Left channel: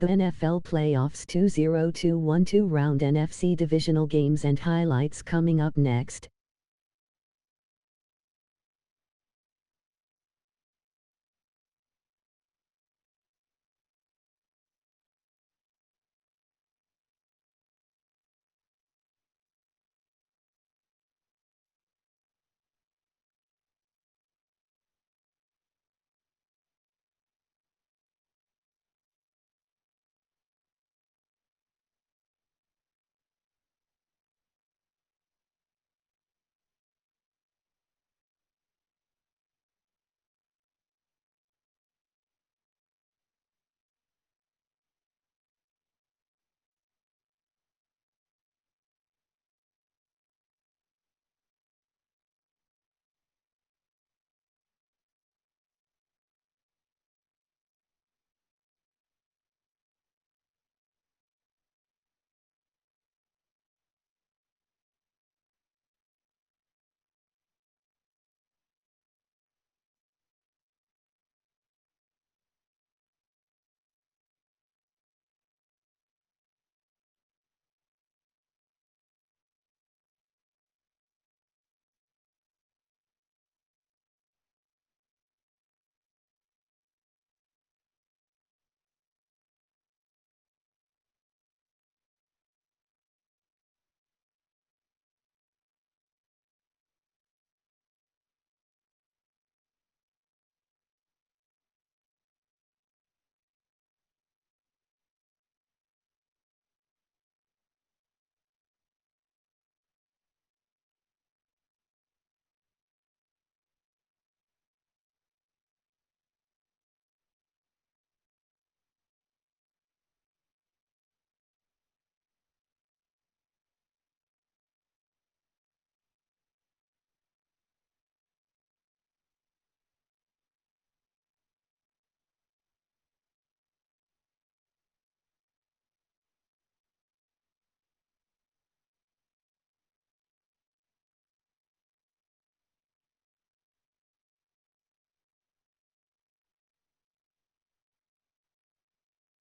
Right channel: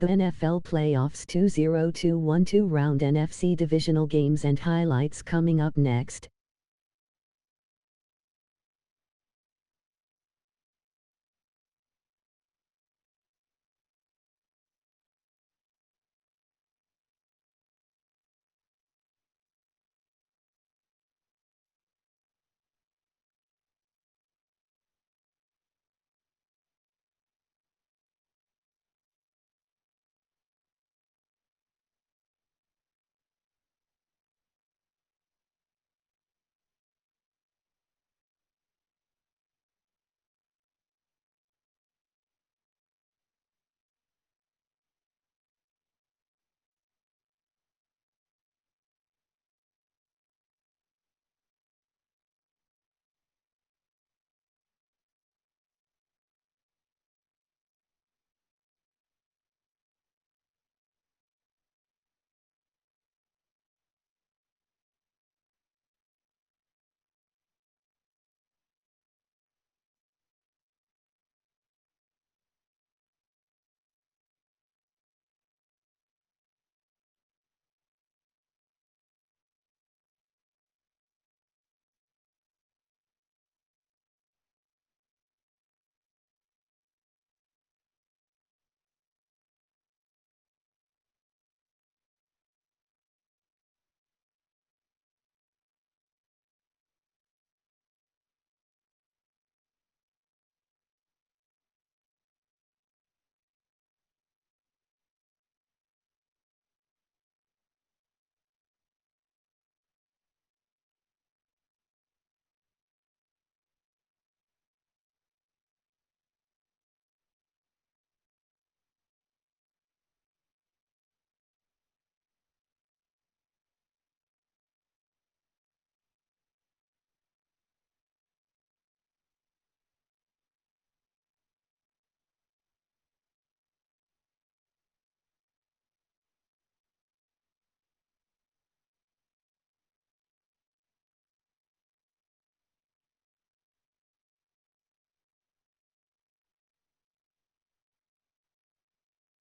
The NFL Playoffs 2021 round NFC Divisional games and highlights coming up next.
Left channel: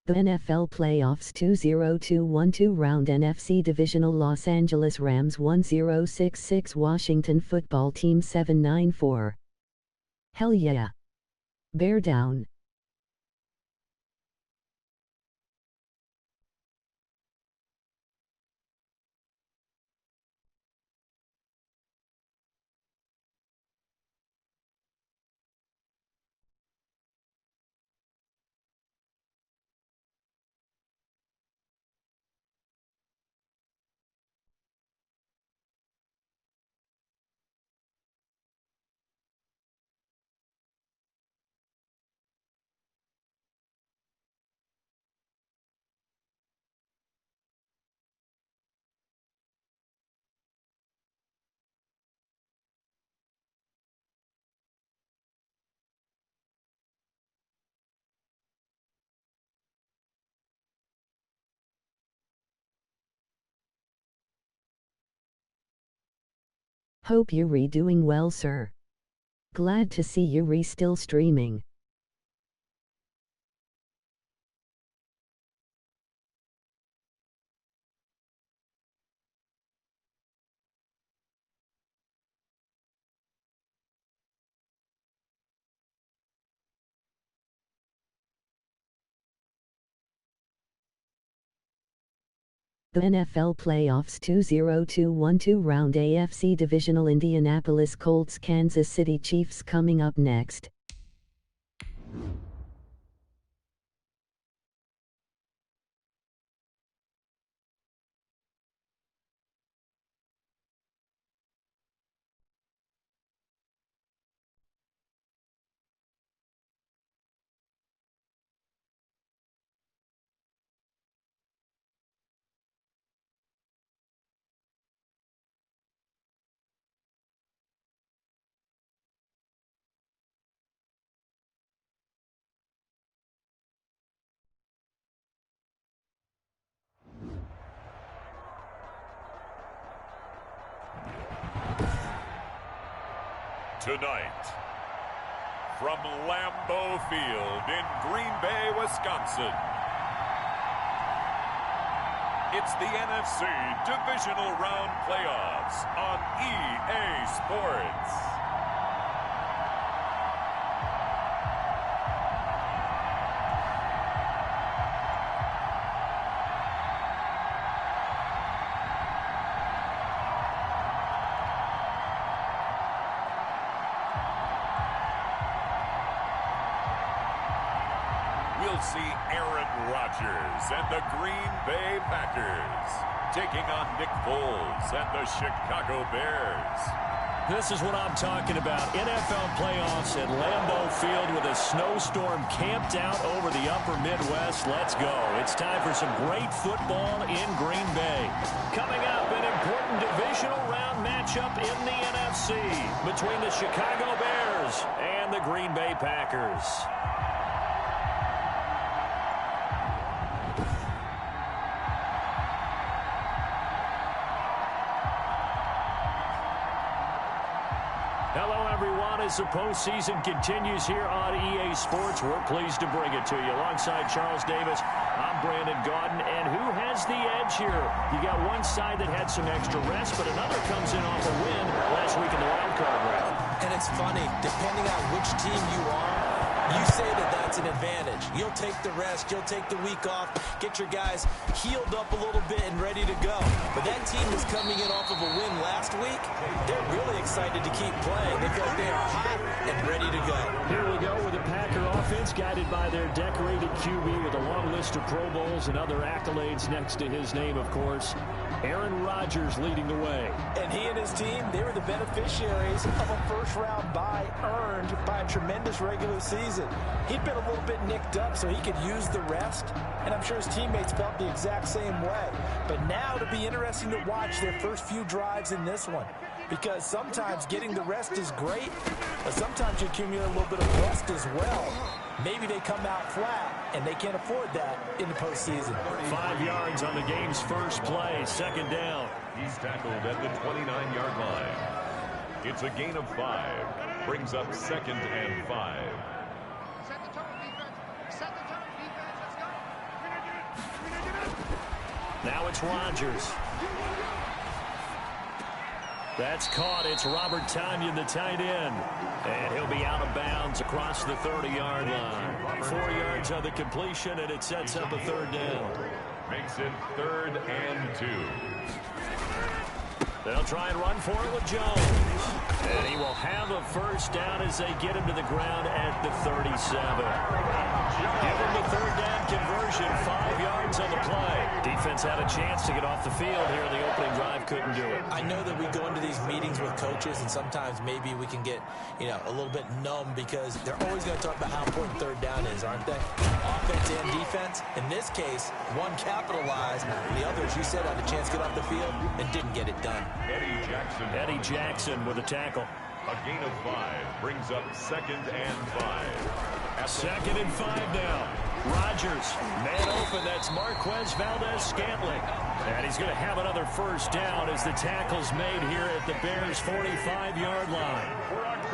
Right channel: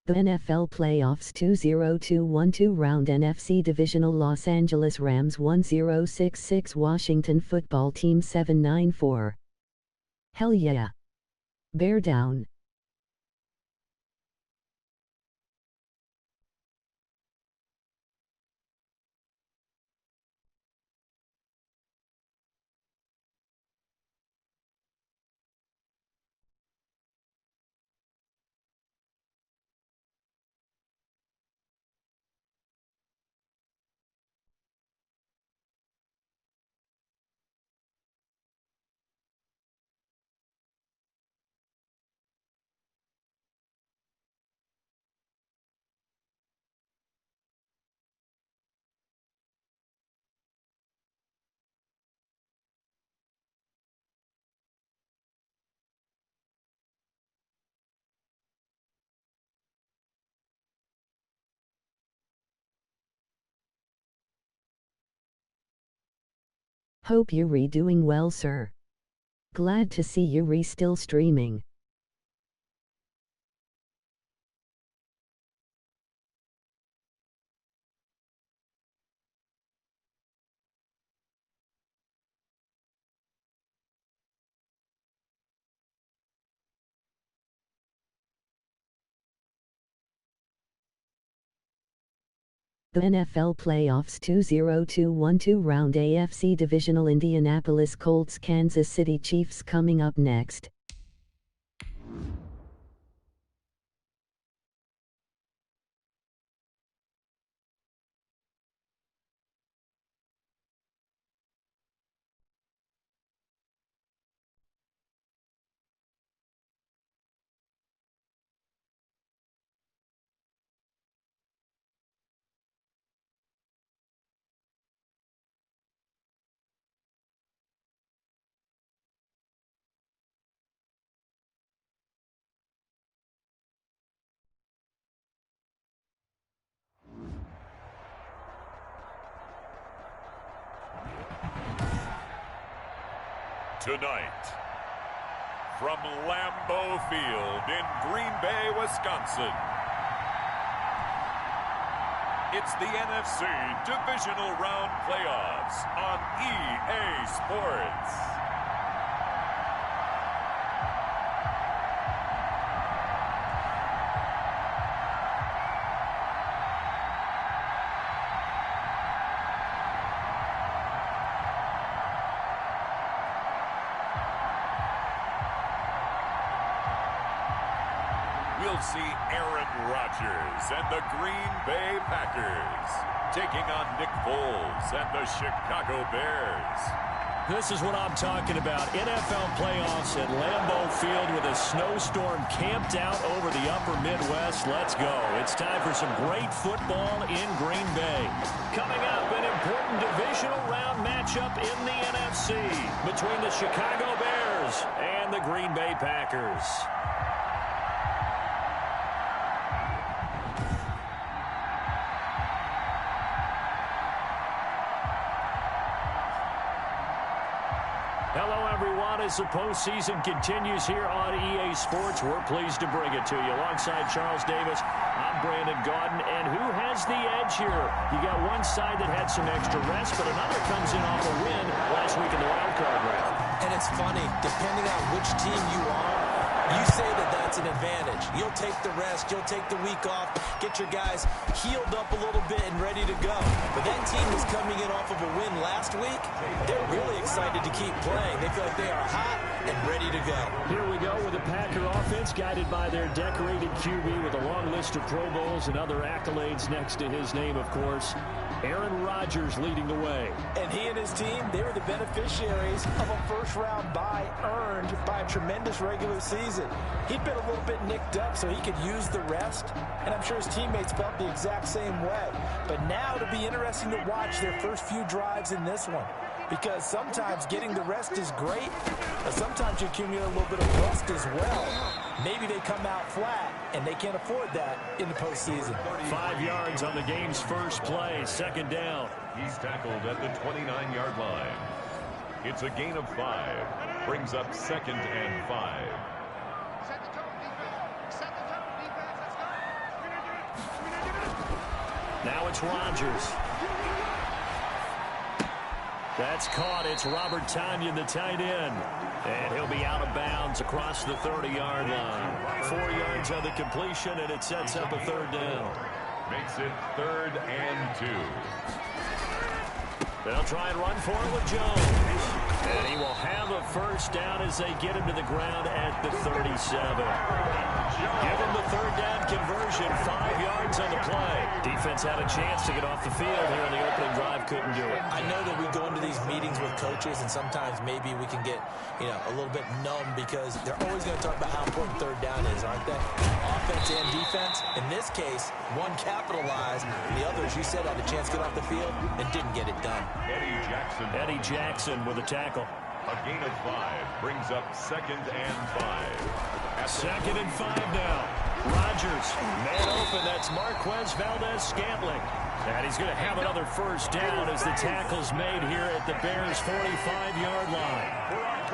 The NFL Playoffs 2021 round NFC Divisional Los Angeles Rams 1066 Washington Football Team 794. Hell yeah. Bear down. Hope you're doing well, sir. Glad to see you're still streaming. The NFL Playoffs 2021 round AFC Divisional Indianapolis Colts Kansas City Chiefs coming up next. Tonight, from Lambeau Field in Green Bay, Wisconsin, It's the NFC Divisional Round Playoffs on EA Sports. We'll see Aaron Rodgers and the Green Bay Packers taking on Nick Foles and the Chicago Bears. This is what I'm talking about. NFL playoffs at Lambeau Field with a snowstorm camped out over the upper Midwest. Let's go. It's time for some great football in Green Bay. Coming up, an important divisional round matchup in the NFC between the Chicago Bears and the Green Bay Packers. Hello, everyone. As the postseason continues here on EA Sports, we're pleased to bring it to you. Alongside Charles Davis, I'm Brandon Gaudin. And who has the edge here? You got one side that had some extra rest, but another comes in off a win last week in the wild card round. And it's funny, depending on which team you are, you say that that's an advantage. You'll take the rest, you'll take the week off, get your guys healed up a little bit and ready to go. But that team is coming in off of a win last week. They're really excited to keep playing. They feel like they are hot and ready to go. Here we go with the Packer offense guided by their decorated QB with a long list of Pro Bowls and other accolades next to his name, of course. Aaron Rodgers leading the way. And he and his team, they were the beneficiaries of a first-round bye earned by a tremendous regular season. He'd been a little bit nicked up so he could use the rest, and I'm sure his teammates felt the exact same way. But now it'll be interesting to watch their first few drives in this one, because sometimes getting the rest is great, but sometimes you accumulate a little bit of rust as well. Maybe they come out flat, and they can't afford that in the postseason. 5 yards on the game's first play, second down. He's tackled at the 29-yard line. It's a gain of 5. Brings up 2nd and 5. Set the tone, defense. Set the tone, defense. Let's go. Now it's Rodgers. That's caught. It's Robert Tonyan, the tight end. And he'll be out of bounds across the 30-yard line. 4 yards on the completion, and it sets up a third down. Makes it 3rd and 2. They'll try and run for it with Jones. And he will have a first down as they get him to the ground at the 37. Give him the third down conversion, 5 yards on the play. Defense had a chance to get off the field here in the opening drive, couldn't do it. I know that we go into these meetings with coaches, and sometimes maybe we can get, a little bit numb because they're always going to talk about how important third down is, aren't they? Offense and defense. In this case, one capitalized, and the other, as you said, had a chance to get off the field and didn't get it done. Eddie Jackson with a tackle. A gain of 5 brings up 2nd and 5. 2nd and 5 now. Rodgers, man open. That's Marquez Valdez-Scantling. And he's going to have another first down as the tackle's made here at the Bears' 45-yard line.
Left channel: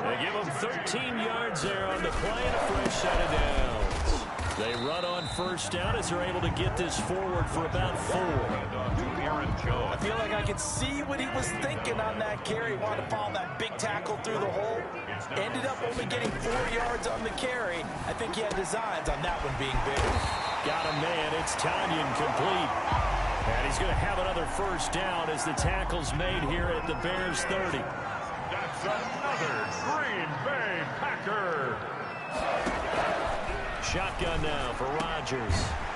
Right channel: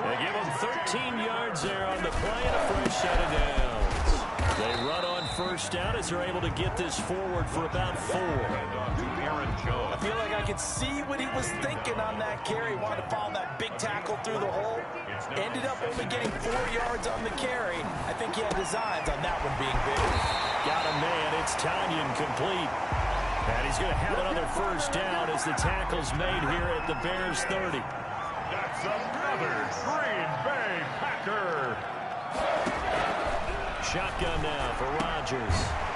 They give him 13 yards there on the play and a fresh set of downs. They run on first down as they're able to get this forward for about 4. I feel like I could see what he was thinking on that carry. Wanted to follow that big tackle through the hole. Ended up only getting 4 yards on the carry. I think he had designs on that one being bigger. Got a man. It's Tonyan complete. And he's going to have another first down as the tackle's made here at the Bears' 30. That's another Green Bay Packer. Shotgun now for Rodgers.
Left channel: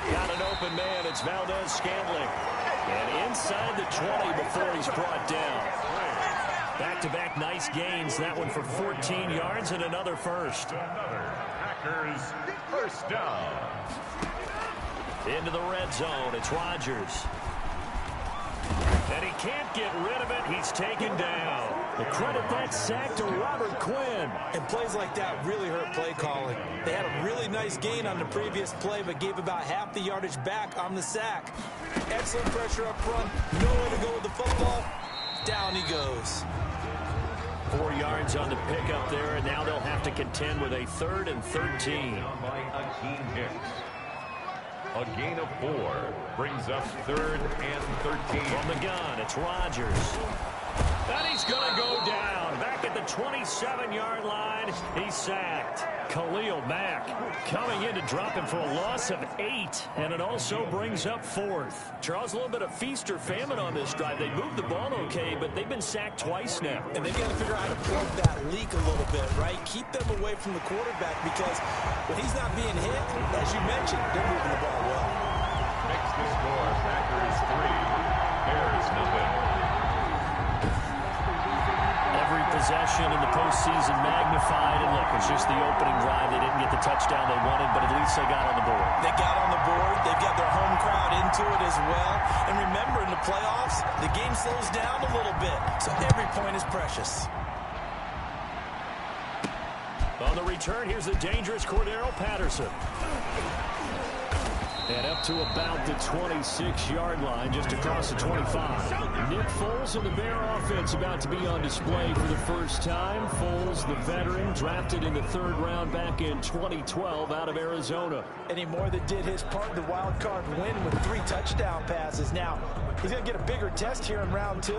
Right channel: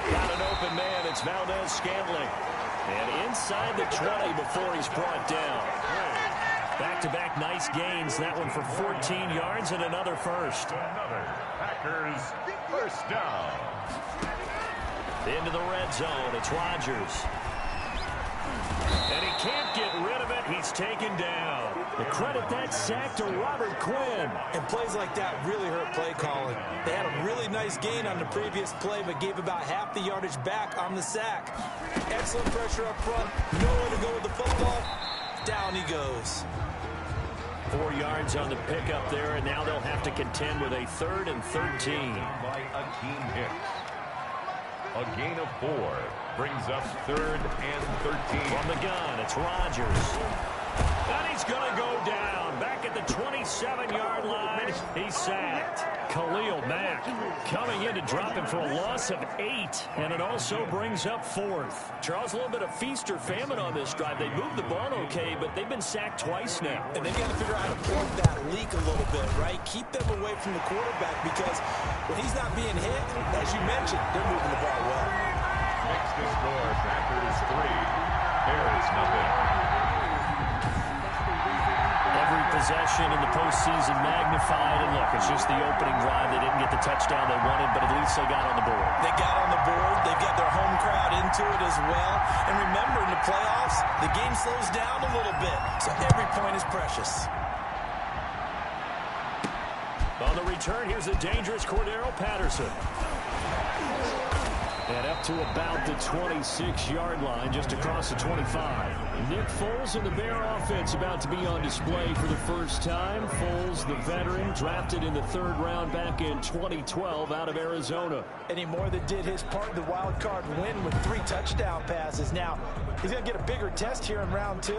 Got an open man. It's Valdez-Scantling. And inside the 20 before he's brought down. Back-to-back nice gains. That one for 14 yards and another first. Another Packers first down. Into the red zone. It's Rodgers. And he can't get rid of it. He's taken down. The credit that sack to Robert Quinn. And plays like that really hurt play calling. They had a really nice gain on the previous play, but gave about half the yardage back on the sack. Excellent pressure up front. Nowhere to go with the football. Down he goes. 4 yards on the pickup there, and now they'll have to contend with a 3rd and 13. By Akeem Hicks. A gain of 4. Brings up 3rd and 13. From the gun, it's Rodgers. And he's going to go down. Back at the 27-yard line, he's sacked. Khalil Mack coming in to drop him for a loss of 8. And it also brings up 4th. Charles, a little bit of feast or famine on this drive. They moved the ball okay, but they've been sacked twice now. And they've got to figure out how to plug that leak a little bit, right? Keep them away from the quarterback because when he's not being hit, as you mentioned, they're moving the ball well. Makes the score Packers 3, Bears nothing. Every possession in the postseason magnified, and look, it's just the opening drive. They didn't get the touchdown they wanted, but at least they got on the board. They got on the board. They've got their home crowd into it as well. And remember, in the playoffs, the game slows down a little bit, so every point is precious. On the return, here's the dangerous Cordero Patterson. And up to about the 26-yard line, just across the 25. Nick Foles and the Bear offense about to be on display for the first time. Foles, the veteran, drafted in the 3rd round back in 2012 out of Arizona. And he more than did his part in the wild card win with 3 touchdown passes. Now, he's going to get a bigger test here in round 2,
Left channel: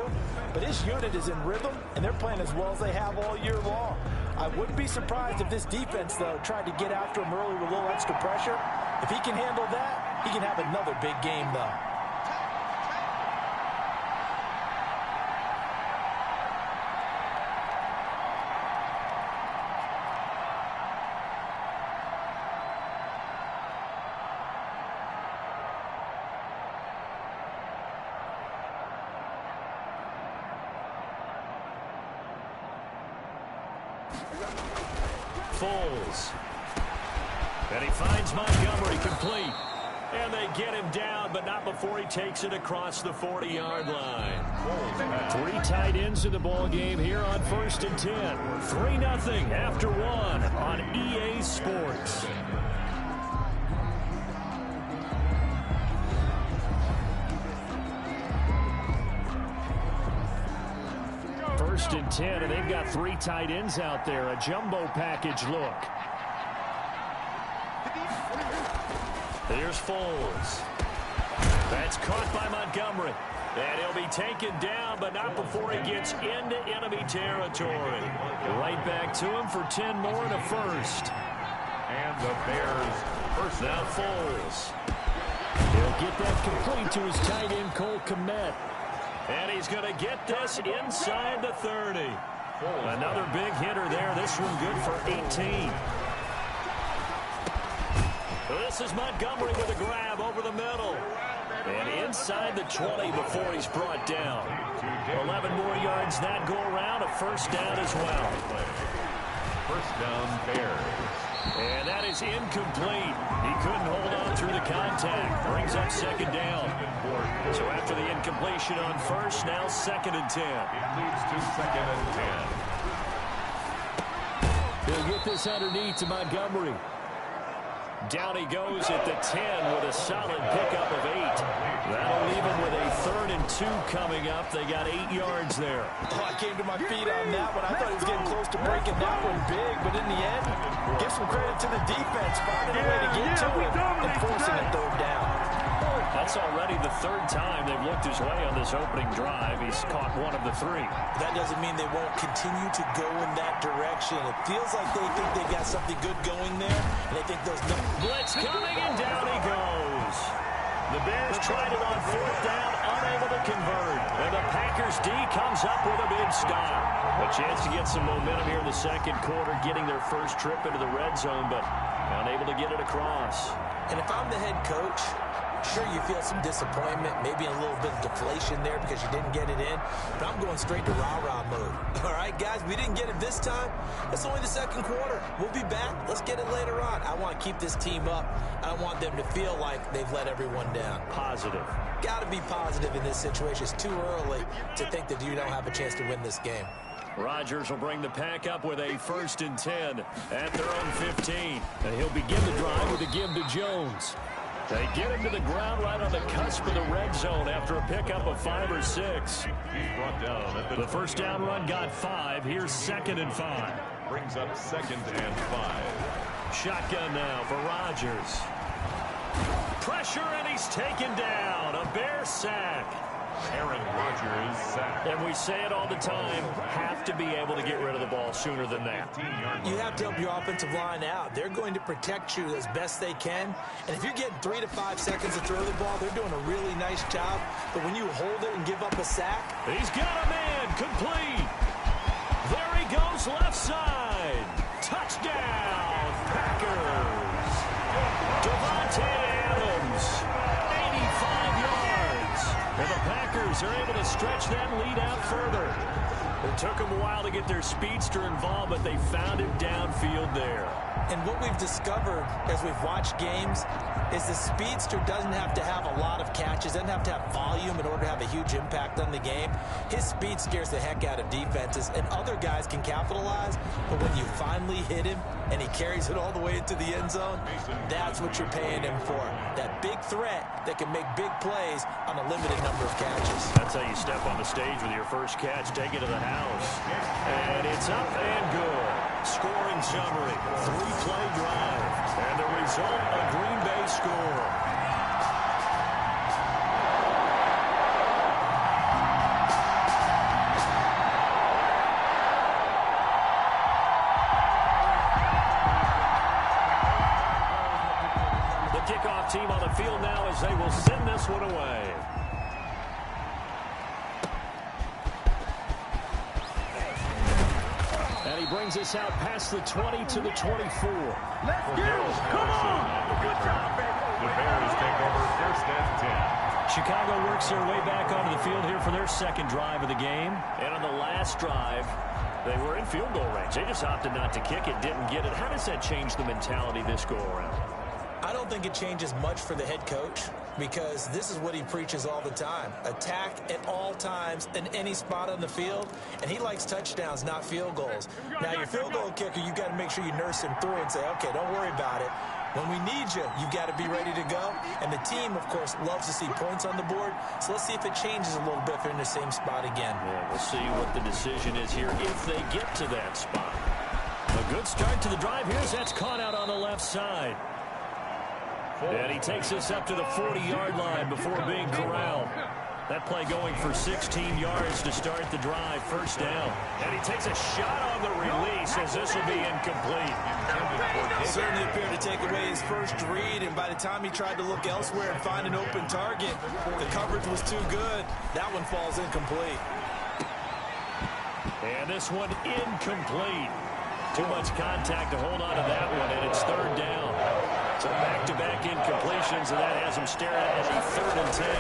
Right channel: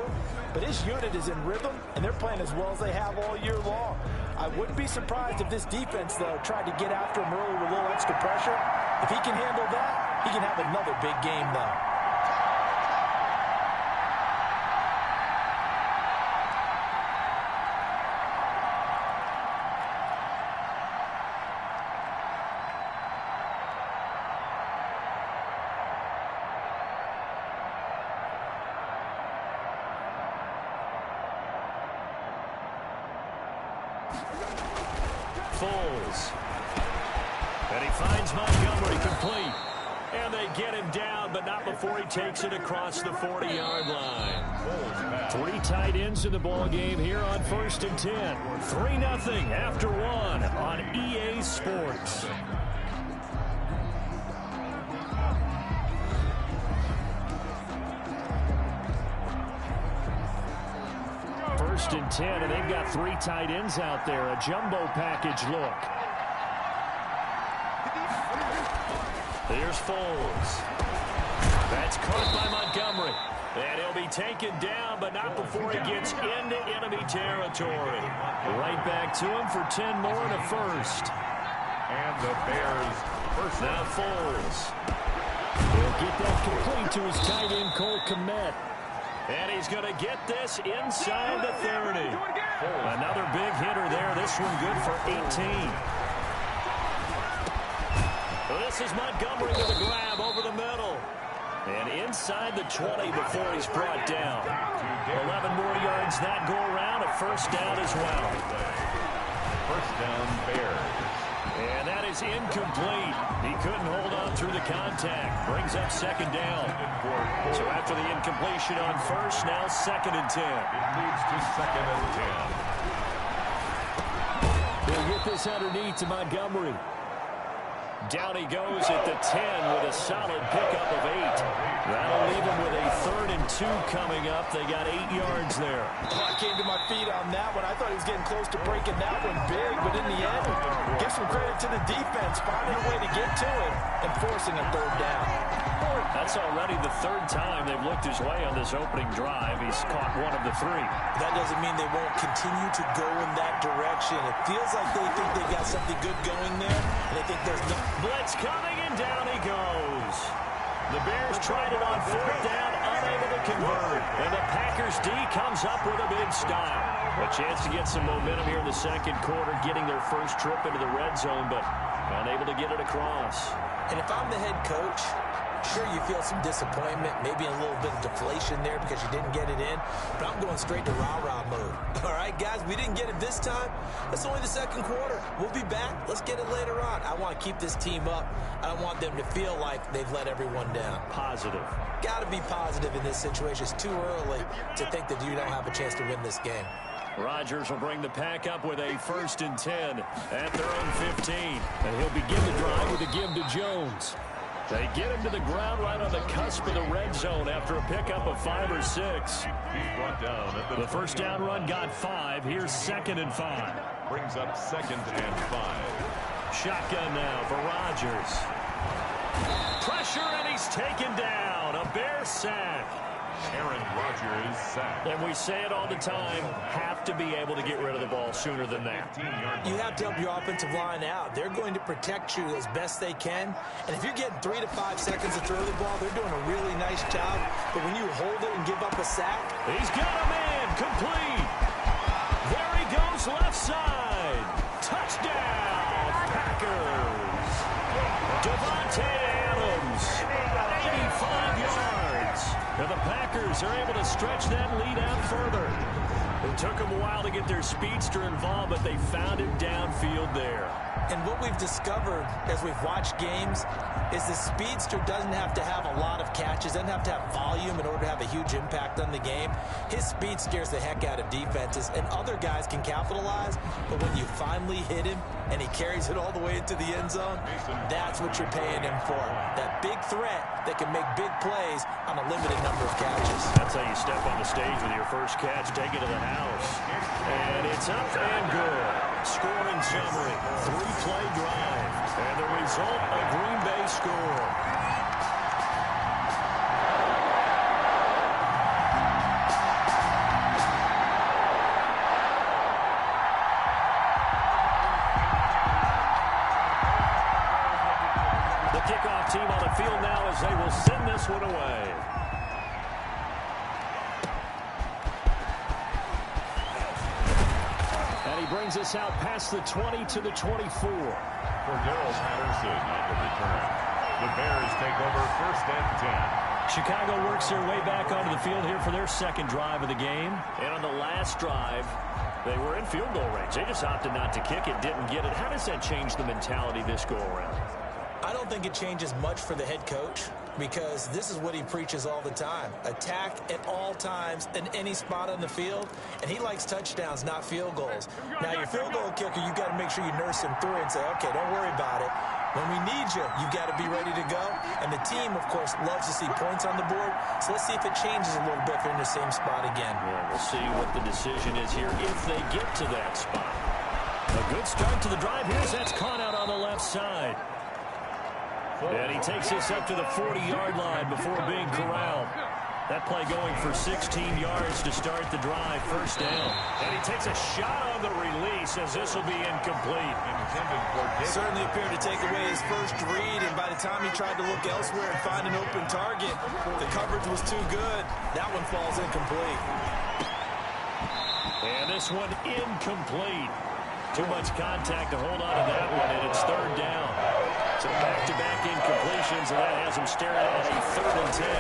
but his unit is in rhythm, and they're playing as well as they have all year long. I wouldn't be surprised if this defense, though, tried to get after him early with a little extra pressure. If he can handle that, he can have another big game, though. Foles. And he finds Montgomery complete. And they get him down, but not before he takes it across the 40-yard line. 3 tight ends in the ball game here on 1st and 10. 3-0 after 1 on EA Sports. First and 10, and they've got 3 tight ends out there. A jumbo package look. Here's Foles. That's caught by Montgomery. And he'll be taken down, but not before he gets into enemy territory. Right back to him for 10 more and a first. And the Bears first. Now Foles. He'll get that complete to his tight end, Cole Kmet. And he's going to get this inside the 30. Another big hitter there. This one good for 18. This is Montgomery with a grab over the middle. And inside the 20 before he's brought down. 11 more yards that go around. A first down as well. First down, Bears. And that is incomplete. He couldn't hold on through the contact. Brings up 2nd down. So after the incompletion on first, now 2nd and 10. It leads to 2nd and 10. They'll get this underneath to Montgomery. Down he goes at the 10 with a solid pickup of 8. That'll leave him with a 3rd and 2 coming up. They got 8 yards there. Oh, I came to my feet on that one. I thought he was getting close to breaking that one big, but in the end, give some credit to the defense, finding a way to get to him and forcing a 3rd down. That's already the 3rd time they've looked his way on this opening drive. He's caught 1 of the 3. That doesn't mean they won't continue to go in that direction. It feels like they think they got something good going there, and they think there's no... Blitz coming, and down he goes. The Bears tried it on 4th down, unable to convert. And the Packers D comes up with a big stop. A chance to get some momentum here in the 2nd quarter, getting their first trip into the red zone, but unable to get it across. And if I'm the head coach, sure, you feel some disappointment, maybe a little bit of deflation there because you didn't get it in, but I'm going straight to rah-rah mode. All right, guys, we didn't get it this time. It's only the 2nd quarter. We'll be back. Let's get it later on. I want to keep this team up. I don't want them to feel like they've let everyone down. Positive. Got to be positive in this situation. It's too early to think that you don't have a chance to win this game. Rodgers will bring the pack up with a 1st and 10 at their own 15. And he'll begin the drive with a give to Jones. They get him to the ground right on the cusp of the red zone after a pickup of 5 or 6. He's brought down at The first down run got 5. Here's 2nd and 5. Brings up 2nd and 5. Shotgun now for Rodgers. Pressure, and he's taken down. A Bear sack. Aaron Rodgers sacked. And we say it all the time, have to be able to get rid of the ball sooner than that. You have to help your offensive line out. They're going to protect you as best they can. And if you're getting 3 to 5 seconds to throw the ball, they're doing a really nice job. But when you hold it and give up a sack. He's got a man complete. There he goes left side. Touchdown, Packers. Devontae Adams, 85 yards. And the Packers are able to stretch that lead out further. It took them a while to get their speedster involved, but they found him downfield there. And what we've discovered as we've watched games is the speedster doesn't have to have a lot of catches, doesn't have to have volume in order to have a huge impact on the game. His speed scares the heck out of defenses, and other guys can capitalize, but when you finally hit him and he carries it all the way into the end zone, that's what you're paying him for. That big threat that can make big plays on a limited number of catches. That's how you step on the stage with your first catch, take it to the house. And it's up and good. Scoring summary, 3-play drive. And the result, a Green Bay score. The kickoff team on the field now as they will send this one away. And he brings us out past the 20 to the 24. For Darrell Patterson on the return. The Bears take over 1st and 10. Chicago works their way back onto the field here for their second drive of the game. And on the last drive, they were in field goal range. They just opted not to kick it, didn't get it. How does that change the mentality this go around? I don't think it changes much for the head coach, because this is what he preaches all the time. Attack at all times in any spot on the field, and he likes touchdowns, not field goals. Now, your field goal kicker, you've got to make sure you nurse him through and say, okay, don't worry about it. When we need you, you've got to be ready to go. And the team, of course, loves to see points on the board. So let's see if it changes a little bit if they're in the same spot again. Yeah, we'll see what the decision is here if they get to that spot. A good start to the drive here as that's caught out on the left side. And he takes us up to the 40-yard line before being corralled. That play going for 16 yards to start the drive, 1st down. And he takes a shot on the release as this will be incomplete. Certainly appeared to take away his first read, and by the time he tried to look elsewhere and find an open target, the coverage was too good. That one falls incomplete. And this one incomplete. Too much contact to hold on to that one, and it's 3rd down. So back-to-back incompletions, and that has him staring at a 3rd and 10.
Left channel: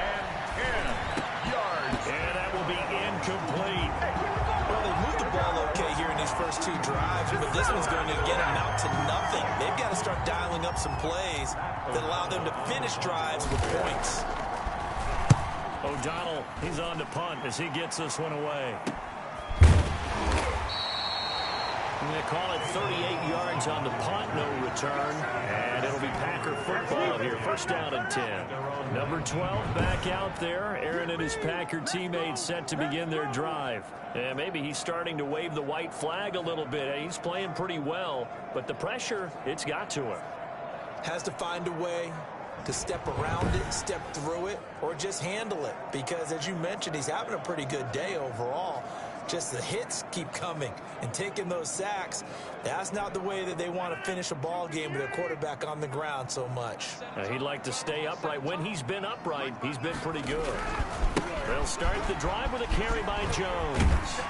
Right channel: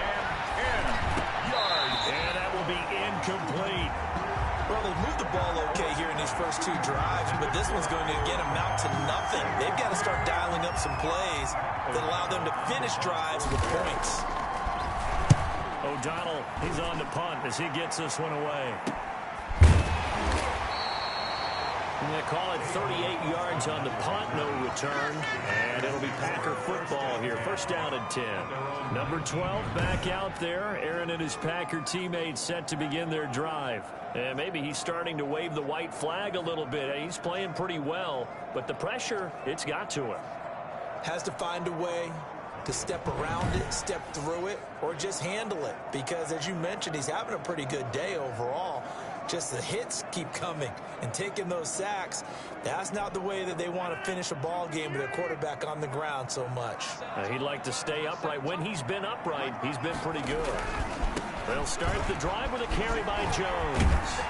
And 10 yards. And that will be incomplete. Well, they moved the ball okay here in these first 2 drives, but this one's going to, again, amount to nothing. They've got to start dialing up some plays that allow them to finish drives with points. O'Donnell, he's on the punt as he gets this one away. They call it 38 yards on the punt, no return. And it'll be Packer football here. 1st down and 10. Number 12 back out there. Aaron and his Packer teammates set to begin their drive. And maybe he's starting to wave the white flag a little bit. He's playing pretty well, but the pressure, it's got to him. Has to find a way to step around it, step through it, or just handle it. Because, as you mentioned, he's having a pretty good day overall. Just the hits keep coming and taking those sacks. That's not the way that they want to finish a ball game with their quarterback on the ground so much. He'd like to stay upright. When he's been upright, he's been pretty good. They'll start the drive with a carry by Jones.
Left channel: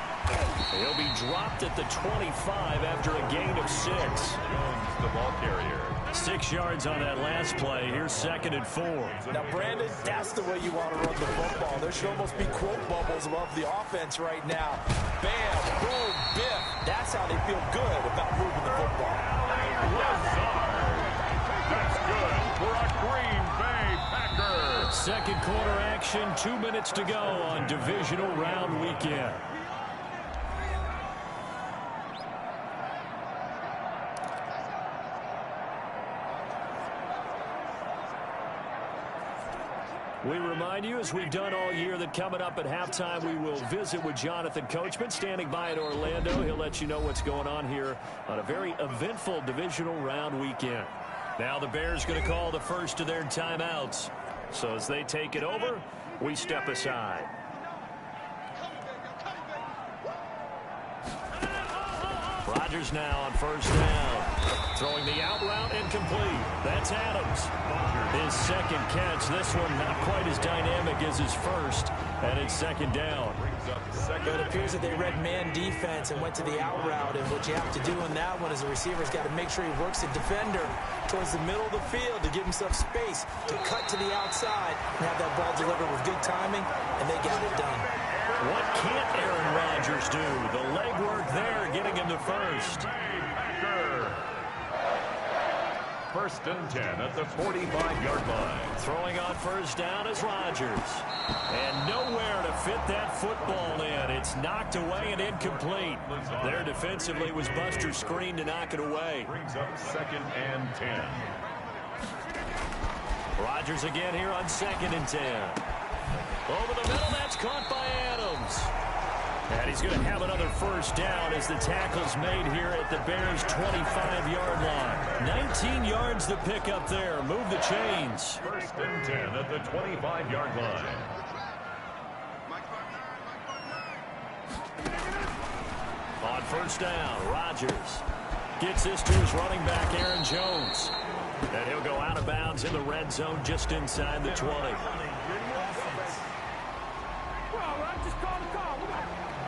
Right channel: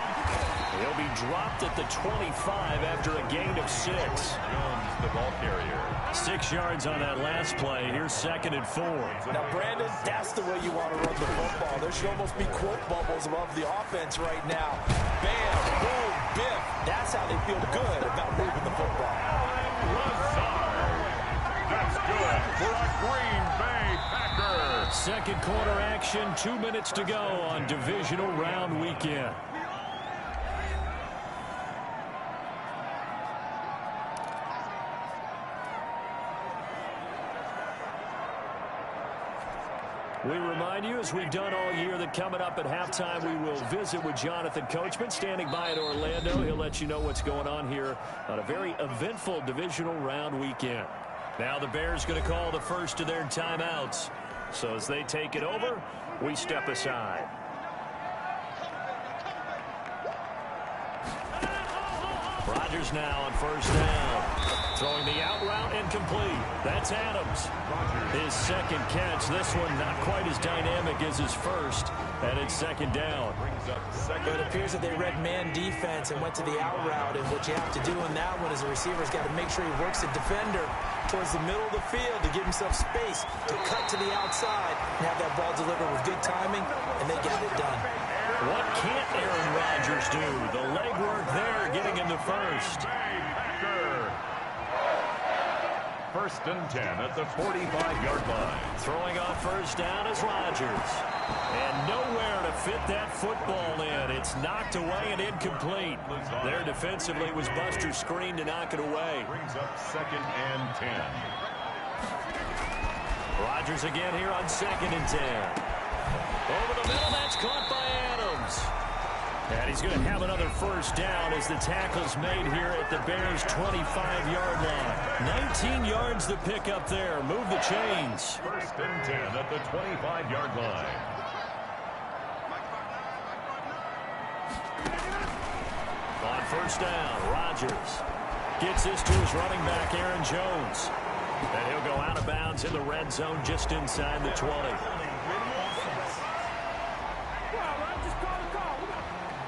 He'll be dropped at the 25 after a gain of 6. Jones, the ball carrier. 6 yards on that last play. Here's 2nd and 4. Now, Brandon, that's the way you want to run the football. There should almost be quote bubbles above the offense right now. Bam, boom, biff. That's how they feel good about moving the football. Lazard. That's good for a Green Bay Packer. 2nd quarter action, 2 minutes to go on divisional round weekend. We remind you, as we've done all year, that coming up at halftime, we will visit with Jonathan Coachman, standing by in Orlando. He'll let you know what's going on here on a very eventful divisional round weekend. Now the Bears going to call the first of their timeouts. So as they take it over, we step aside. Rodgers now on first down. Throwing the out route incomplete. That's Adams. His second catch. This one not quite as dynamic as his first. And it's second down. But it appears that they read man defense and went to the out route. And what you have to do in that one is the receiver's got to make sure he works the defender towards the middle of the field to give himself space to cut to the outside and have that ball delivered with good timing, and they got it done. What can't Aaron Rodgers do? The legwork there getting him the first. First and 10 at the 45-yard line. Throwing on first down is Rodgers. And nowhere to fit that football in. It's knocked away and incomplete. There defensively was Buster's screen to knock it away. Brings up second and 10. Rodgers again here on second and 10. Over the middle, that's caught by Adams. And he's going to have another first down as the tackle's made here at the Bears' 25-yard line. 19 yards to pick up there. Move the chains. First and 10 at the 25-yard line. On first down, Rodgers gets this to his running back, Aaron Jones. And he'll go out of bounds in the red zone just inside the 20.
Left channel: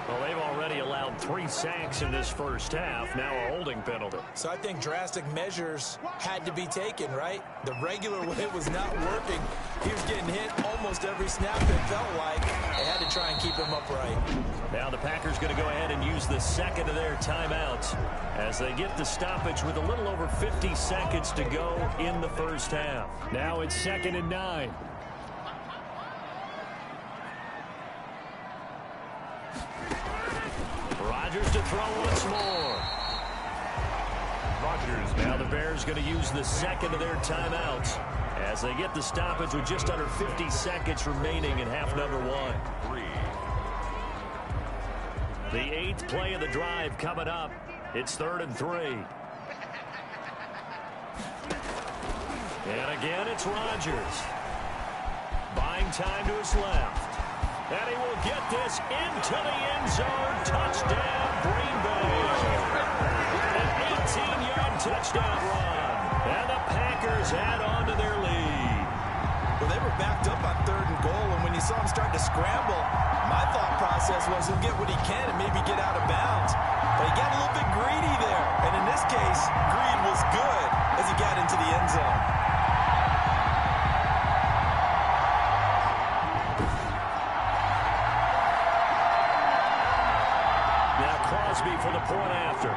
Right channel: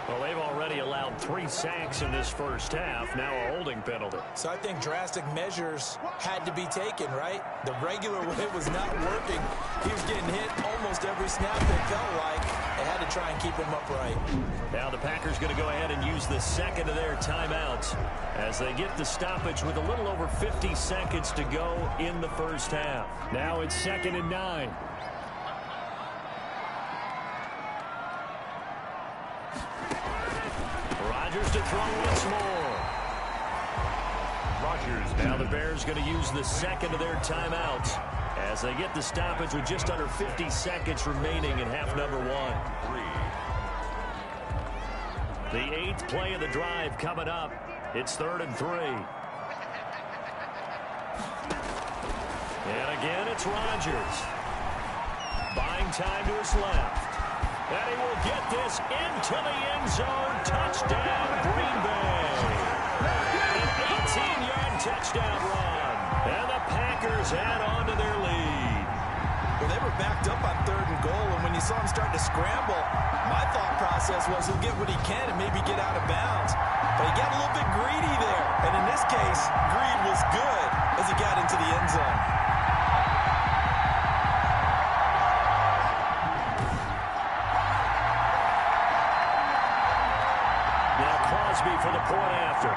Well, they've already allowed 3 sacks in this first half. Now a holding penalty. So I think drastic measures had to be taken, right? The regular way was not working. He was getting hit almost every snap, it felt like. They had to try and keep him upright. Now the Packers going to go ahead and use the second of their timeouts as they get the stoppage with a little over 50 seconds to go in the first half. Now it's second and 9. Rodgers to throw once more. Rodgers. Now the Bears going to use the second of their timeouts as they get the stoppage with just under 50 seconds remaining in half number 1. The 8th play of the drive coming up. It's 3rd and 3. And again, it's Rodgers. Buying time to his left. And he will get this into the end zone. Touchdown, Green Bay. An 18-yard touchdown run. And the Packers add on to their lead. Well, they were backed up on 3rd and goal, and when you saw him start to scramble, my thought process was he'll get what he can and maybe get out of bounds. But he got a little bit greedy there. And in this case, greed was good as he got into the end zone. Now Crosby for the point after.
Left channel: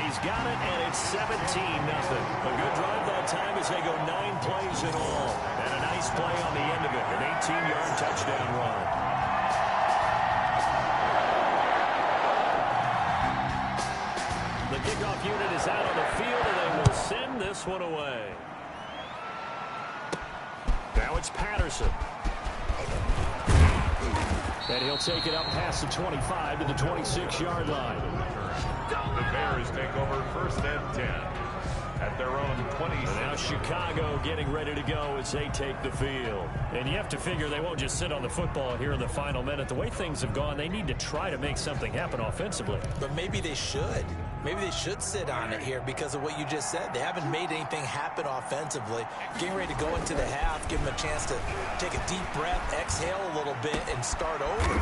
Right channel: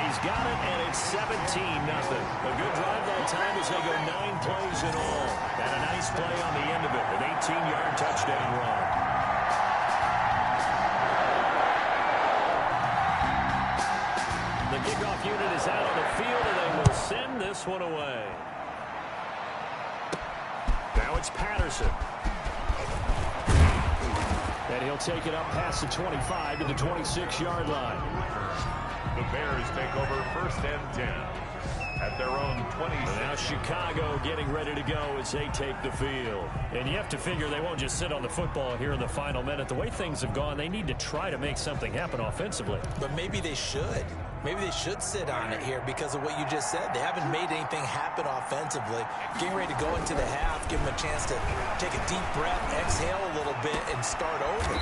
He's got it, and it's 17-0. A good drive that time as they go 9 plays in all. And a nice play on the end of it, an 18-yard touchdown run. The kickoff unit is out on the field, and they will send this one away. Now it's Patterson. And he'll take it up past the 25 to the 26-yard line. The Bears take over first and 10 at their own 20. Now Chicago getting ready to go as they take the field. And you have to figure they won't just sit on the football here in the final minute. The way things have gone, they need to try to make something happen offensively. But maybe they should. Maybe they should sit on it here because of what you just said. They haven't made anything happen offensively. Getting ready to go into the half, give them a chance to take a deep breath, exhale a little bit, and start over.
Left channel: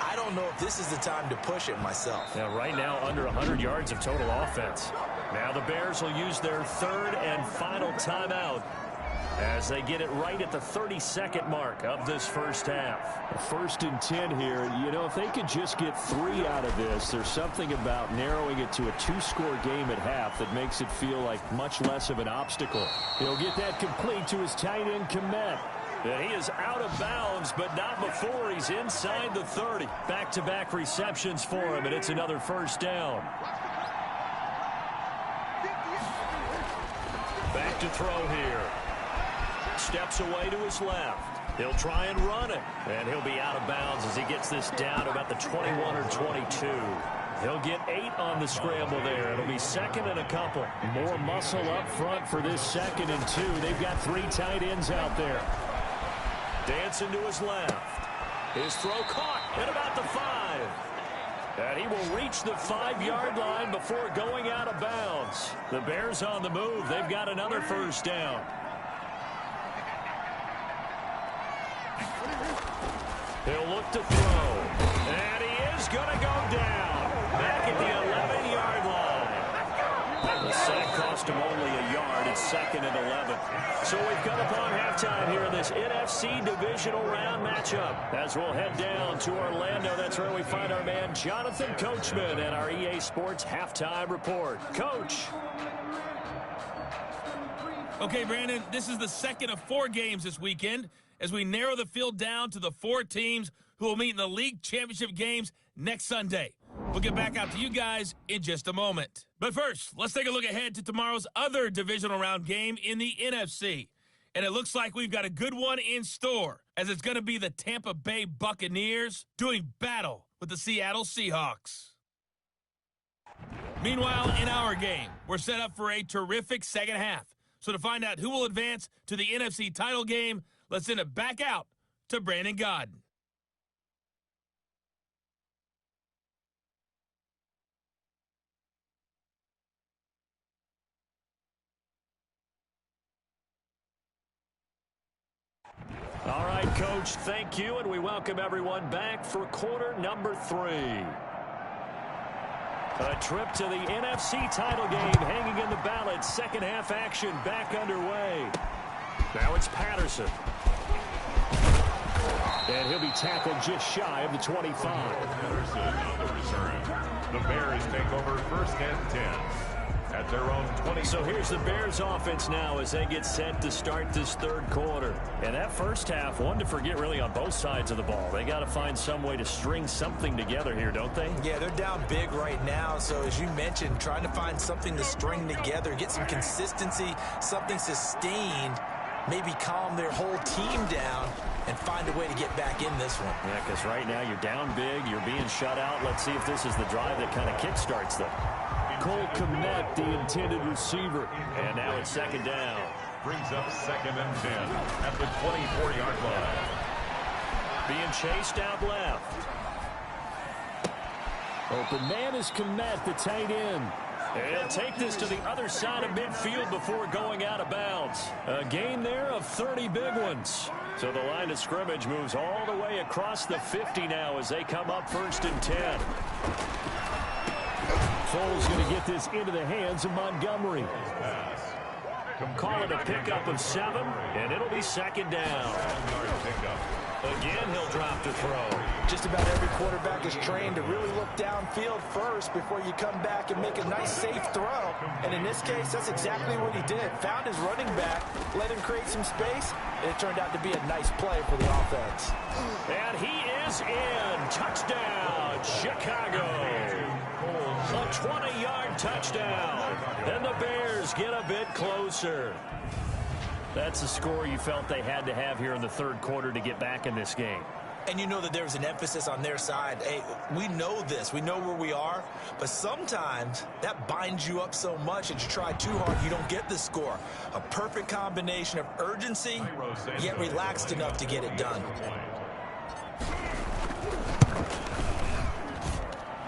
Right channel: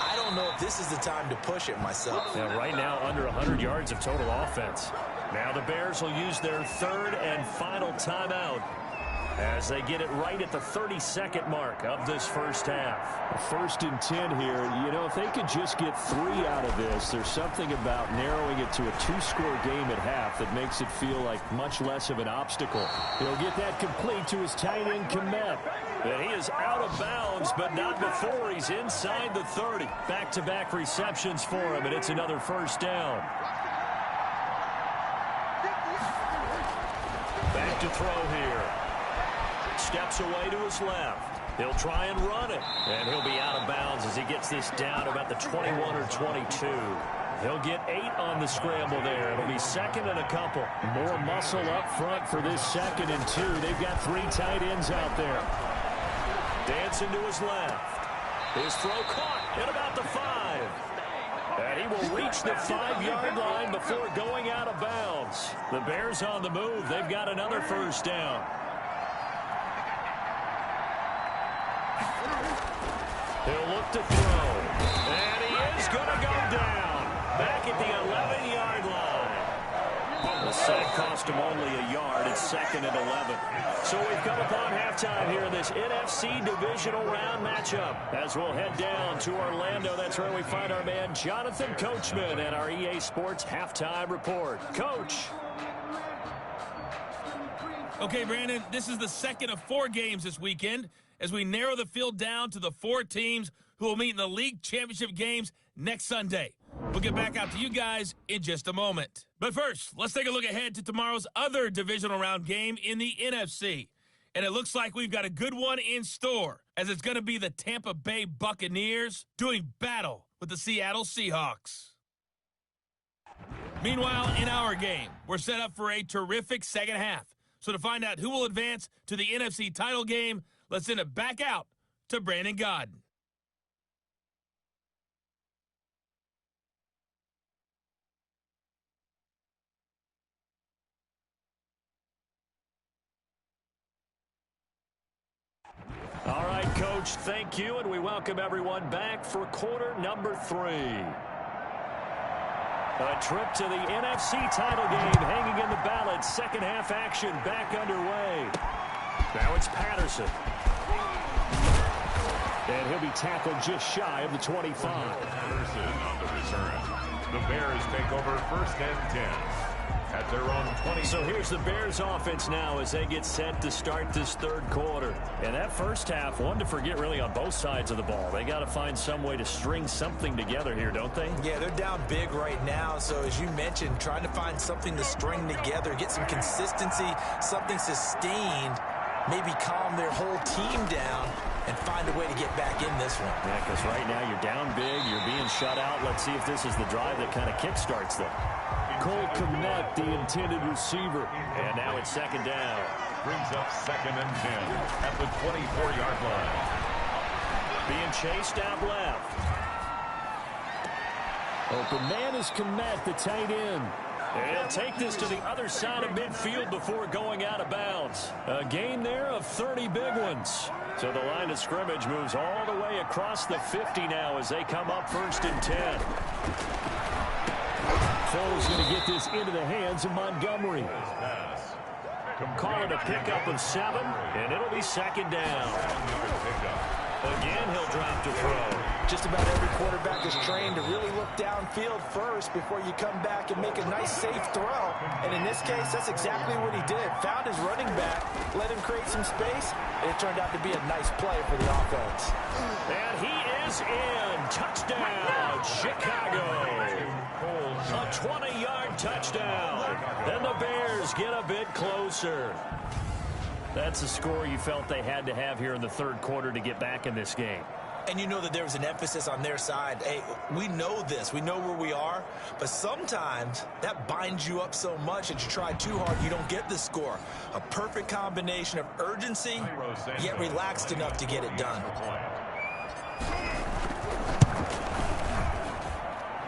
I don't know if this is the time to push it myself. Now, right now, under 100 yards of total offense. Now the Bears will use their 3rd and final timeout as they get it right at the 32nd mark of this first half. 1st and 10 here. You know, if they could just get 3 out of this, there's something about narrowing it to a 2-score game at half that makes it feel like much less of an obstacle. He'll get that complete to his tight end, Kmet. And he is out of bounds, but not before he's inside the 30. Back-to-back receptions for him, and it's another first down. Back to throw here. Steps away to his left. He'll try and run it, and he'll be out of bounds as he gets this down to about the 21 or 22. He'll get 8 on the scramble there. It'll be second and a couple. More muscle up front for this 2nd and 2. They've got 3 tight ends out there. Dancing to his left. His throw caught at about the 5. And he will reach the 5-yard line before going out of bounds. The Bears on the move. They've got another first down. He'll look to throw. And he is going to go down. Back at the 11-yard line. The sack cost him only a yard. It's 2nd and 11. So we've come upon halftime here in this NFC Divisional Round matchup. As we'll head down to Orlando, that's where we find our man Jonathan Coachman and our EA Sports Halftime Report. Coach. Okay, Brandon, this is the 2nd of 4 games this weekend as we narrow the field down to the 4 teams who will meet in the league championship games next Sunday. We'll get back out to you guys in just a moment. But first, let's take a look ahead to tomorrow's other divisional round game in the NFC. And it looks like we've got a good one in store, as it's going to be the Tampa Bay Buccaneers doing battle with the Seattle Seahawks. Meanwhile, in our game, we're set up for a terrific second half. So to find out who will advance to the NFC title game, let's send it back out to Brandon Godden. All right, Coach, thank you, and we welcome everyone back for quarter number 3. A trip to the NFC title game hanging in the balance. Second half action back underway. Now it's Patterson. And he'll be tackled just shy of the 25. Patterson on the return. The Bears take over 1st and 10. At their own 20. So here's the Bears offense now as they get set to start this 3rd quarter. And that first half, one to forget really on both sides of the ball. They got to find some way to string something together here, don't they? Yeah, they're down big right now. So as you mentioned, trying to find something to string together, get some consistency, something sustained, maybe calm their whole team down and find a way to get back in this one. Yeah, because right now you're down big, you're being shut out. Let's see if this is the drive that kind of kickstarts them. Cole Kmet, the intended receiver. And now it's 2nd down. Brings up 2nd and 10 at the 24-yard line. Being chased out left. Open man is Kmet, the tight end. And he'll take this to the other side of midfield before going out of bounds. A gain there of 30 big ones. So the line of scrimmage moves all the way across the 50 now as they come up 1st and 10. Foles going to get this into the hands of Montgomery. Call it a pickup of 7, and it'll be 2nd down. Again, he'll drop to throw. Just about every quarterback is trained to really look downfield first before you come back and make a nice, safe throw. And in this case, that's exactly what he did. Found his running back, let him create some space, and it turned out to be a nice play for the offense. And he is in. Touchdown, Chicago. A 20-yard touchdown. And the Bears get a bit closer. That's a score you felt they had to have here in the 3rd quarter to get back in this game. And you know that there was an emphasis on their side. Hey, we know this. We know where we are. But sometimes that binds you up so much that you try too hard, you don't get the score. A perfect combination of urgency, yet relaxed enough to get it done.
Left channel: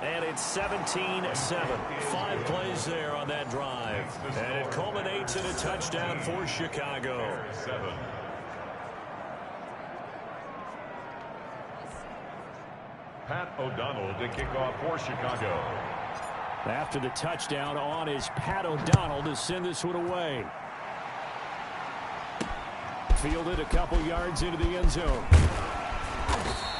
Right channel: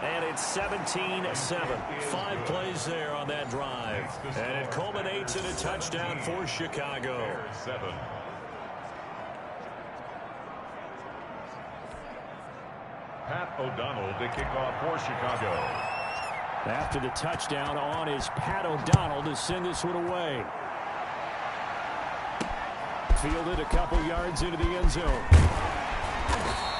And it's 17-7. 5 plays there on that drive. And it culminates in a touchdown for Chicago. Pat O'Donnell to kick off for Chicago. After the touchdown on is Pat O'Donnell to send this one away. Fielded a couple yards into the end zone.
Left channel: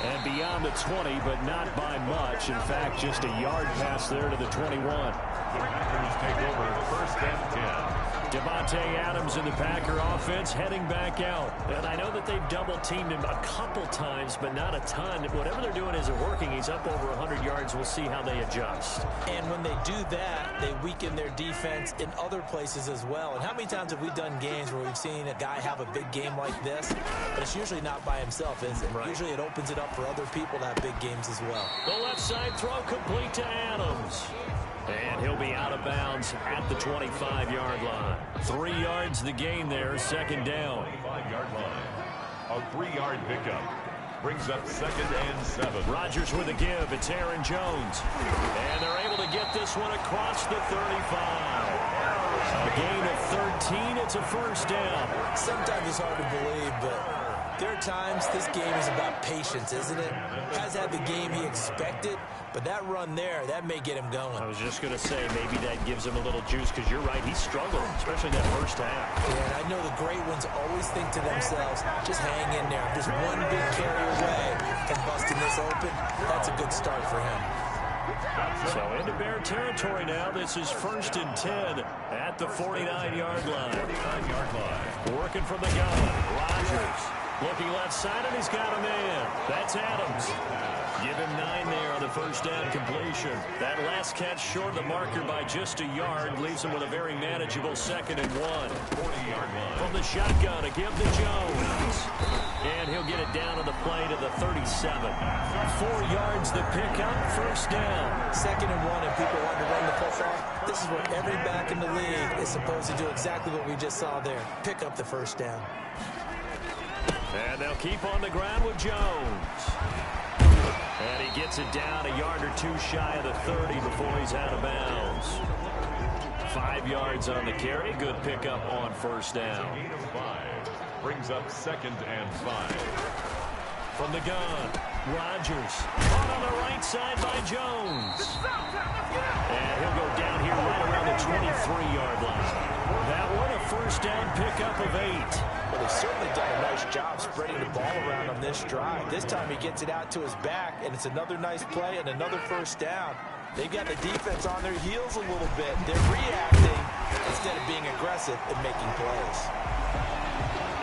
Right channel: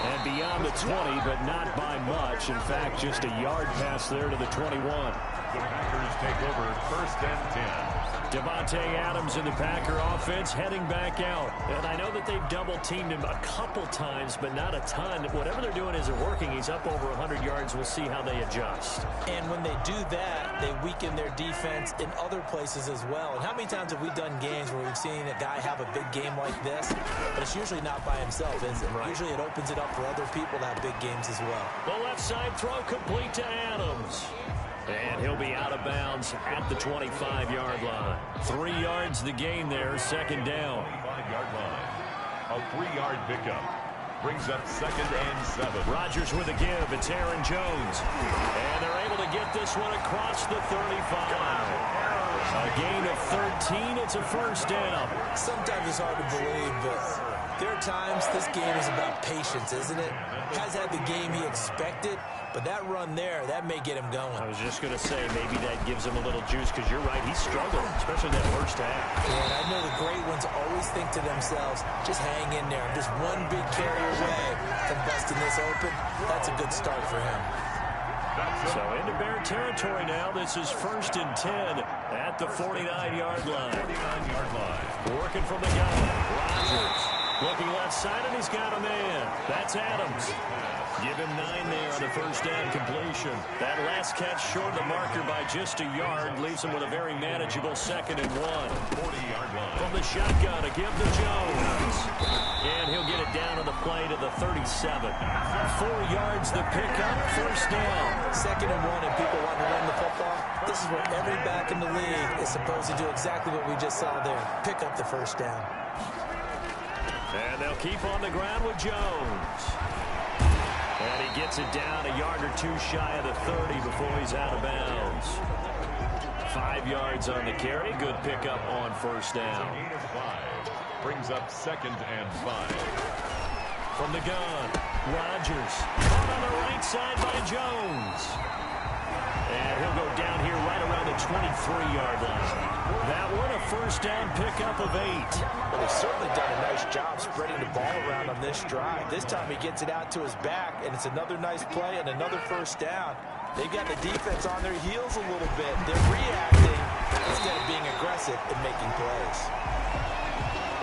And beyond the 20, but not by much. In fact, just a yard pass there to the 21. The Packers take over 1st and 10. Devontae Adams in the Packer offense heading back out. And I know that they've double-teamed him a couple times, but not a ton. Whatever they're doing isn't working. He's up over 100 yards. We'll see how they adjust. And when they do that, they weaken their defense in other places as well. And how many times have we done games where we've seen a guy have a big game like this, but it's usually not by himself, is it? Right. Usually it opens it up for other people to have big games as well. The left side throw complete to Adams. And he'll be out of bounds at the 25-yard line. 3 yards the gain there, second down. 25-yard line. A 3-yard pickup. Brings up 2nd and 7. Rodgers with a give. It's Aaron Jones. And they're able to get this one across the 35. A gain of 13. It's a first down. Sometimes it's hard to believe, but there are times this game is about patience, isn't it? Has had the game he expected, but that run there, that may get him going. I was just going to say, maybe that gives him a little juice, because you're right, he struggled, especially that first half. Yeah, and I know the great ones always think to themselves, just hang in there. I'm just one big carry away from busting this open. That's a good start for him. So into Bear territory now. This is 1st and 10 at the 49-yard line. 49-yard line. Working from the gun. Rodgers looking left side, and he's got a man. That's Adams. Give him 9 there on the first down completion. That last catch short of the marker by just a yard leaves him with a very manageable 2nd and 1. 40-yard line. From the shotgun, a give to Jones. And he'll get it down on the play to the 37. 4 yards the pickup, first down. 2nd and 1, and people want to run the football. This is where every back in the league is supposed to do exactly what we just saw there. Pick up the first down. And they'll keep on the ground with Jones. And he gets it down a yard or two shy of the 30 before he's out of bounds. 5 yards on the carry. Good pickup on first down. Gain of 5. Brings up 2nd and 5. From the gun, Rodgers. Caught on the right side by Jones. And he'll go down here right around the 23-yard line. That one a first down pickup of 8. Well, they've certainly done a nice job spreading the ball around on this drive. This time he gets it out to his back, and it's another nice play and another first down. They've got the defense on their heels a little bit. They're reacting instead of being aggressive and making plays.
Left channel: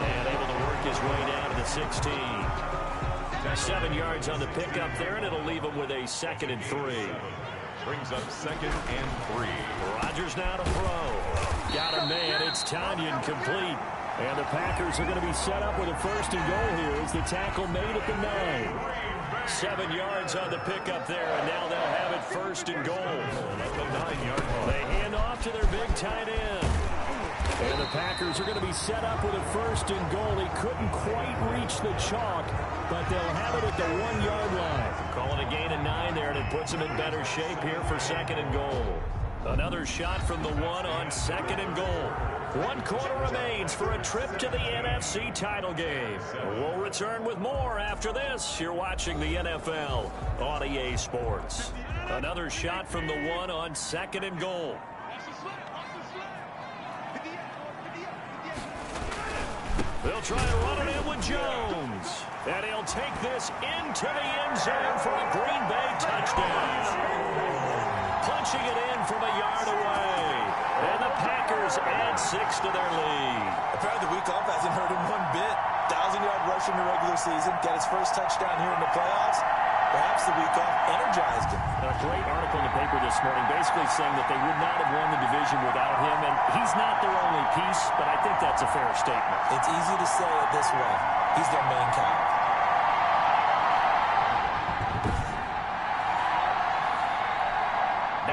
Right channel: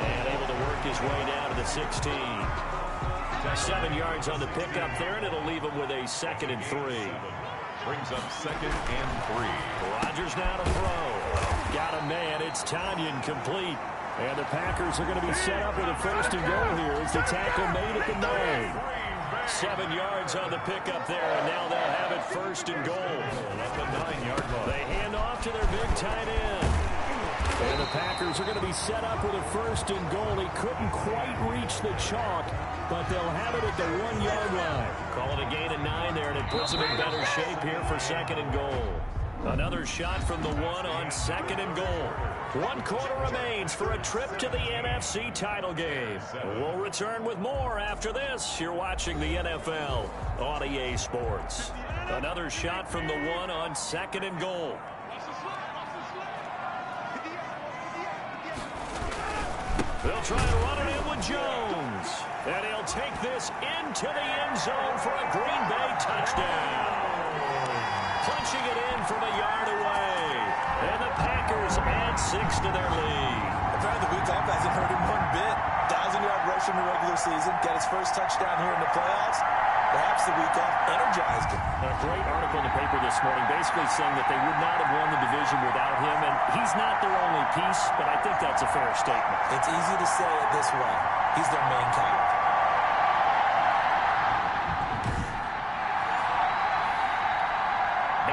And able to work his way down to the 16. 7 yards on the pickup there, and it'll leave him with a 2nd and 3. Brings up 2nd and 3. Rodgers now to throw. Got a man. It's Tanyan complete. And the Packers are going to be set up with a 1st and goal here as the tackle made at the 9. 7 yards on the pickup there, and now they'll have it 1st and goal. At the 9-yard line. They hand off to their big tight end. And the Packers are going to be set up with a 1st and goal. He couldn't quite reach the chalk, but they'll have it at the 1-yard line. Call it a gain of 9 there, and it puts them in better shape here for 2nd and goal. Another shot from the 1 on 2nd and goal. 1 quarter remains for a trip to the NFC title game. We'll return with more after this. You're watching the NFL on EA Sports. Another shot from the 1 on 2nd and goal. They'll try and run it in with Jones. And he'll take this into the end zone for a Green Bay touchdown. Punching it in from a yard away. And the Packers add 6 to their lead. Apparently the week off hasn't hurt him one bit. 1,000-yard rush in the regular season. Get his first touchdown here in the playoffs. Perhaps the week off energized him. A great article in the paper this morning basically saying that they would not have won the division without him. And he's not their only piece, but I think that's a fair statement. It's easy to say it this way. He's their main cow.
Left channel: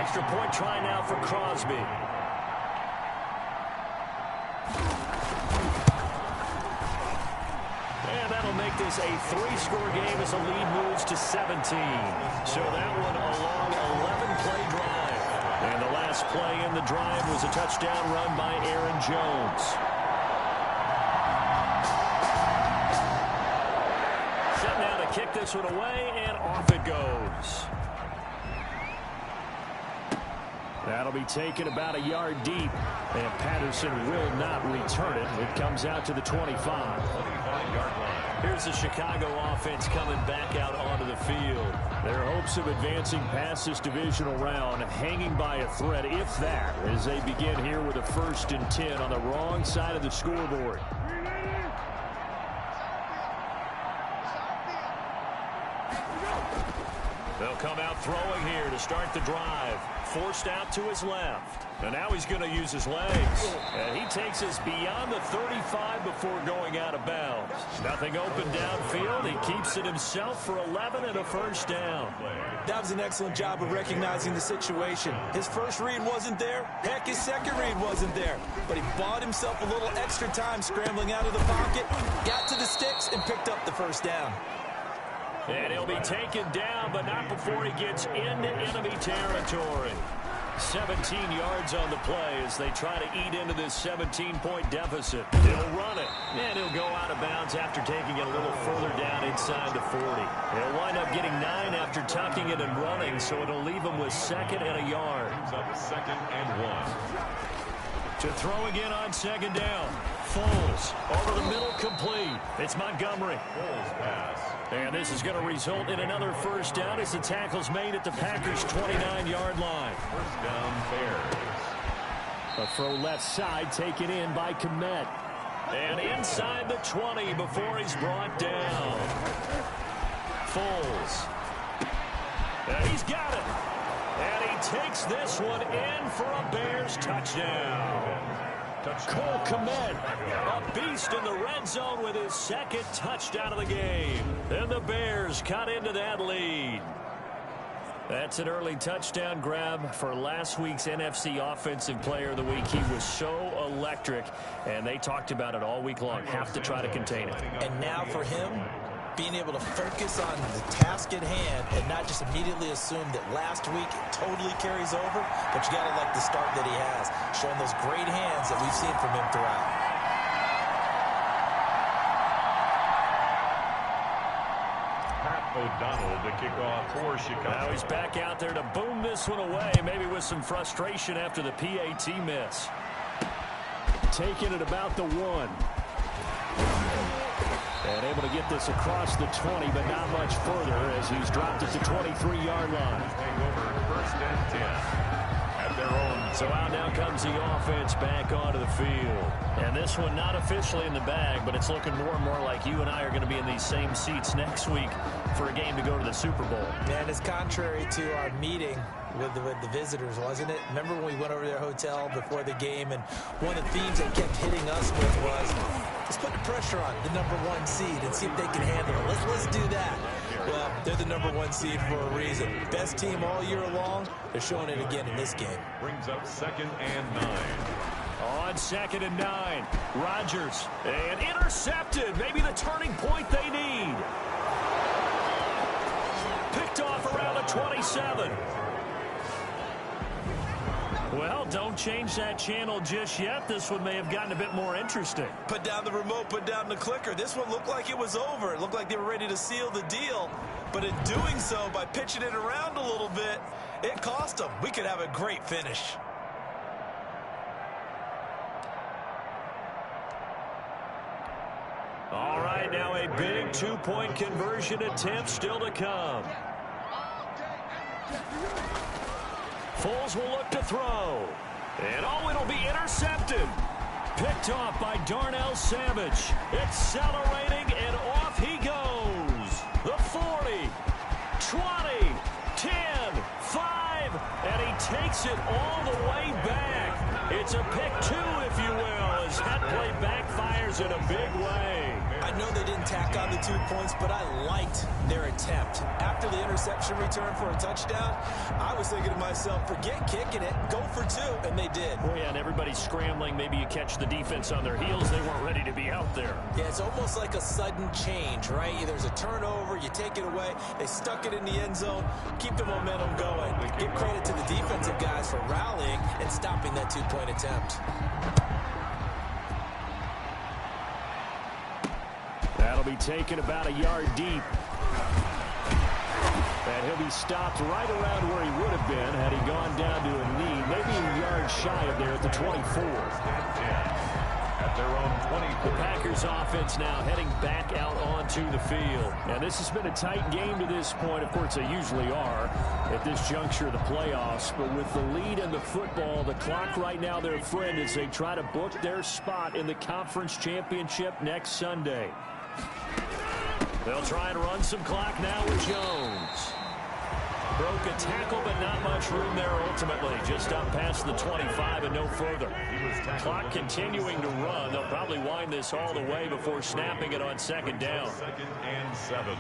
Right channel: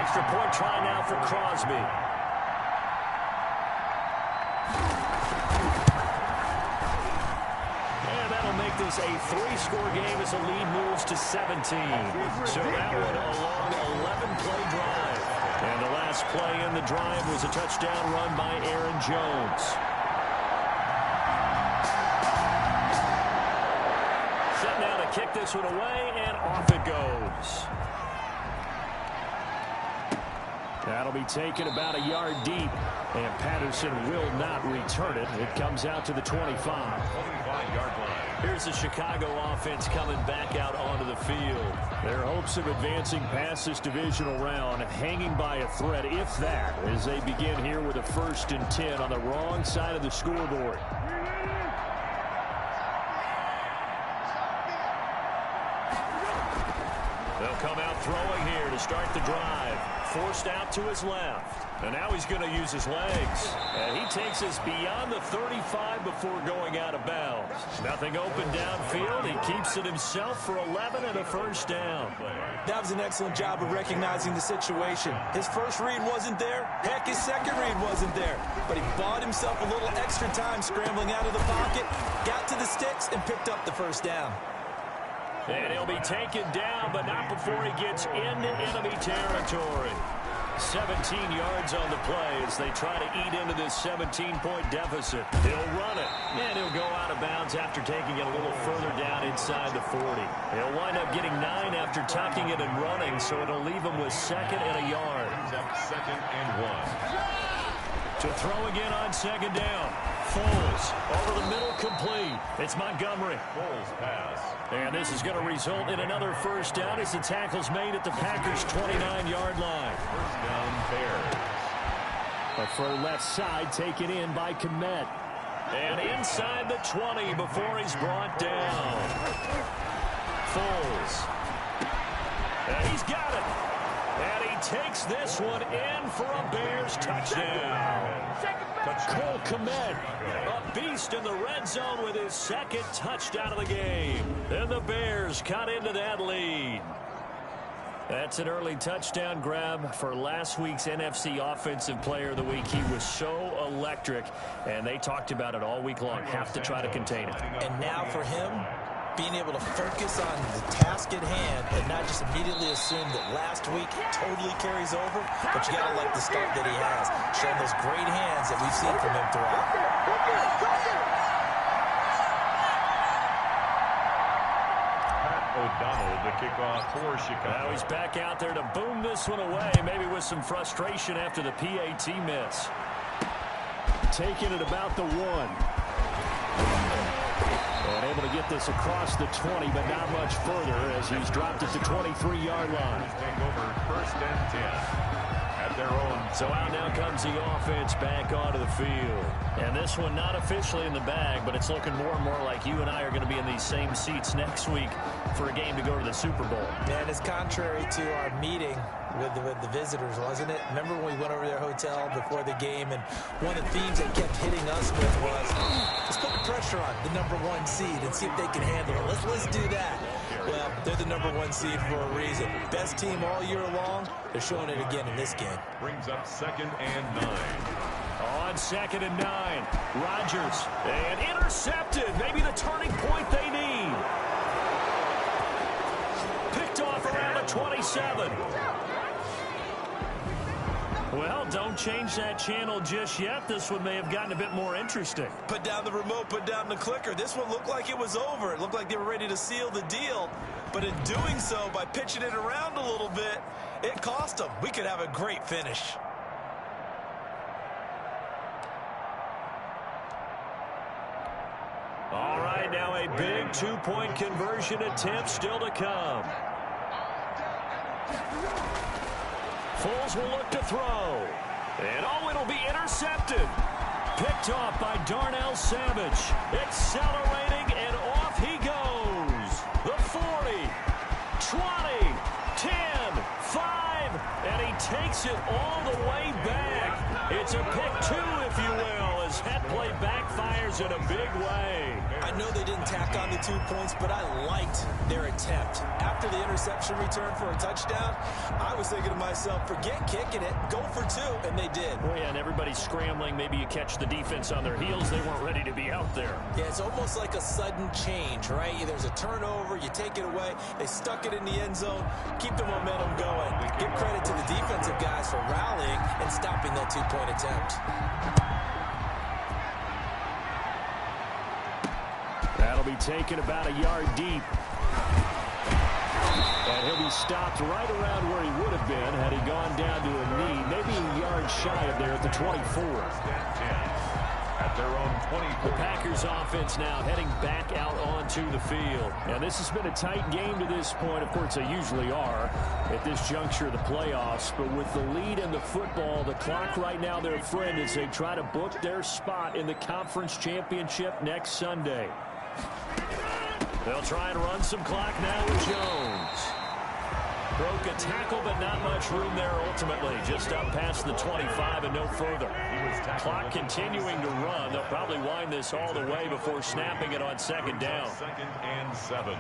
Extra point try now for Crosby. And that'll make this a 3-score game as the lead moves to 17. So that one a long 11-play drive. And the last play in the drive was a touchdown run by Aaron Jones. Set now to kick this one away, and off it goes. That'll be taken about a yard deep, and Patterson will not return it. It comes out to the 25. 25-yard line. Here's the Chicago offense coming back out onto the field. Their hopes of advancing past this divisional round hanging by a thread, if that, as they begin here with a 1st and 10 on the wrong side of the scoreboard. They'll come out throwing here to start the drive. Forced out to his left. And now he's going to use his legs. And he takes us beyond the 35 before going out of bounds. Nothing open downfield. He keeps it himself for 11 and a 1st down. That was an excellent job of recognizing the situation. His first read wasn't there. Heck, his second read wasn't there. But he bought himself a little extra time scrambling out of the pocket, got to the sticks, and picked up the 1st down. And he'll be taken down, but not before he gets into enemy territory. 17 yards on the play as they try to eat into this 17-point deficit. He'll run it, and he'll go out of bounds after taking it a little further down inside the 40. He'll wind up getting 9 after tucking it and running, so it'll leave him with 2nd and a yard. Brings up 2nd and 1. To throw again on 2nd down. Foles over the middle, complete. It's Montgomery. Foles pass. And this is going to result in another 1st down as the tackle's made at the Packers' 29-yard line. 1st down, Bears. A throw left side taken in by Kmet. And inside the 20 before he's brought down. Foles. And he's got it. And he takes this one in for a Bears touchdown. Cole Kmet, a beast in the red zone with his 2nd touchdown of the game. And the Bears cut into that lead. That's an early touchdown grab for last week's NFC Offensive Player of the Week. He was so electric, and they talked about it all week long. Have to try to contain it. And now for him, being able to focus on the task at hand and not just immediately assume that last week totally carries over, but you got to like the start that he has, showing those great hands that we've seen from him throughout. Pat O'Donnell to kick off for Chicago. Now he's back out there to boom this one away, maybe with some frustration after the PAT miss. Taking it about the 1. And able to get this across the 20, but not much further as he's dropped at the 23-yard line. Take over 1st and 10 at their own. So out now comes the offense back onto the field. And this one not officially in the bag, but it's looking more and more like you and I are going to be in these same seats next week for a game to go to the Super Bowl. Man, it's contrary to our meeting with the visitors, wasn't it? Remember when we went over to their hotel before the game, and one of the themes they kept hitting us with was, let's put the pressure on the #1 seed and see if they can handle it. Let's do that. Well, they're the #1 seed for a reason. Best team all year long. They're showing it again in this game. Brings up 2nd and 9. On 2nd and 9, Rodgers, and intercepted. Maybe the turning point they need. Picked off around the 27. Well, don't change that channel just yet. This one may have gotten a bit more interesting. Put down the remote, put down the clicker. This one looked like it was over. It looked like they were ready to seal the deal. But in doing so, by pitching it around a little bit, it cost them. We could have a great finish. All right, now a big 2-point conversion attempt still to come. Foles will look to throw. And it'll be intercepted. Picked off by Darnell Savage. Accelerating, and off he goes. The 40, 20, 10, 5, and he takes it all the way back. It's a pick 2, if you will, as that play backfires in a big way. I know they didn't tack on the 2 points, but I liked their attempt. After the interception return for a touchdown, I was thinking to myself, forget kicking it, go for 2, and they did. Well, yeah, and everybody's scrambling. Maybe you catch the defense on their heels. They weren't ready to be out there. Yeah, it's almost like a sudden change, right? There's a turnover, you take it away, they stuck it in the end zone, keep the momentum going. Give credit to the defensive guys for rallying and stopping that 2-point attempt. That'll be taken about a yard deep. And he'll be stopped right around where he would have been had he gone down to a knee, maybe a yard shy of there at the 24. At their own 24. The Packers offense now heading back out onto the field. Now, this has been a tight game to this point. Of course, they usually are at this juncture of the playoffs. But with the lead in the football, the clock right now their friend as they try to book their spot in the conference championship next Sunday. They'll try and run some clock now with Jones. Broke a tackle, but not much room there ultimately. Just up past the 25 and no further. Clock continuing to run. They'll probably wind this all the way before snapping it on second down. 2nd and 7.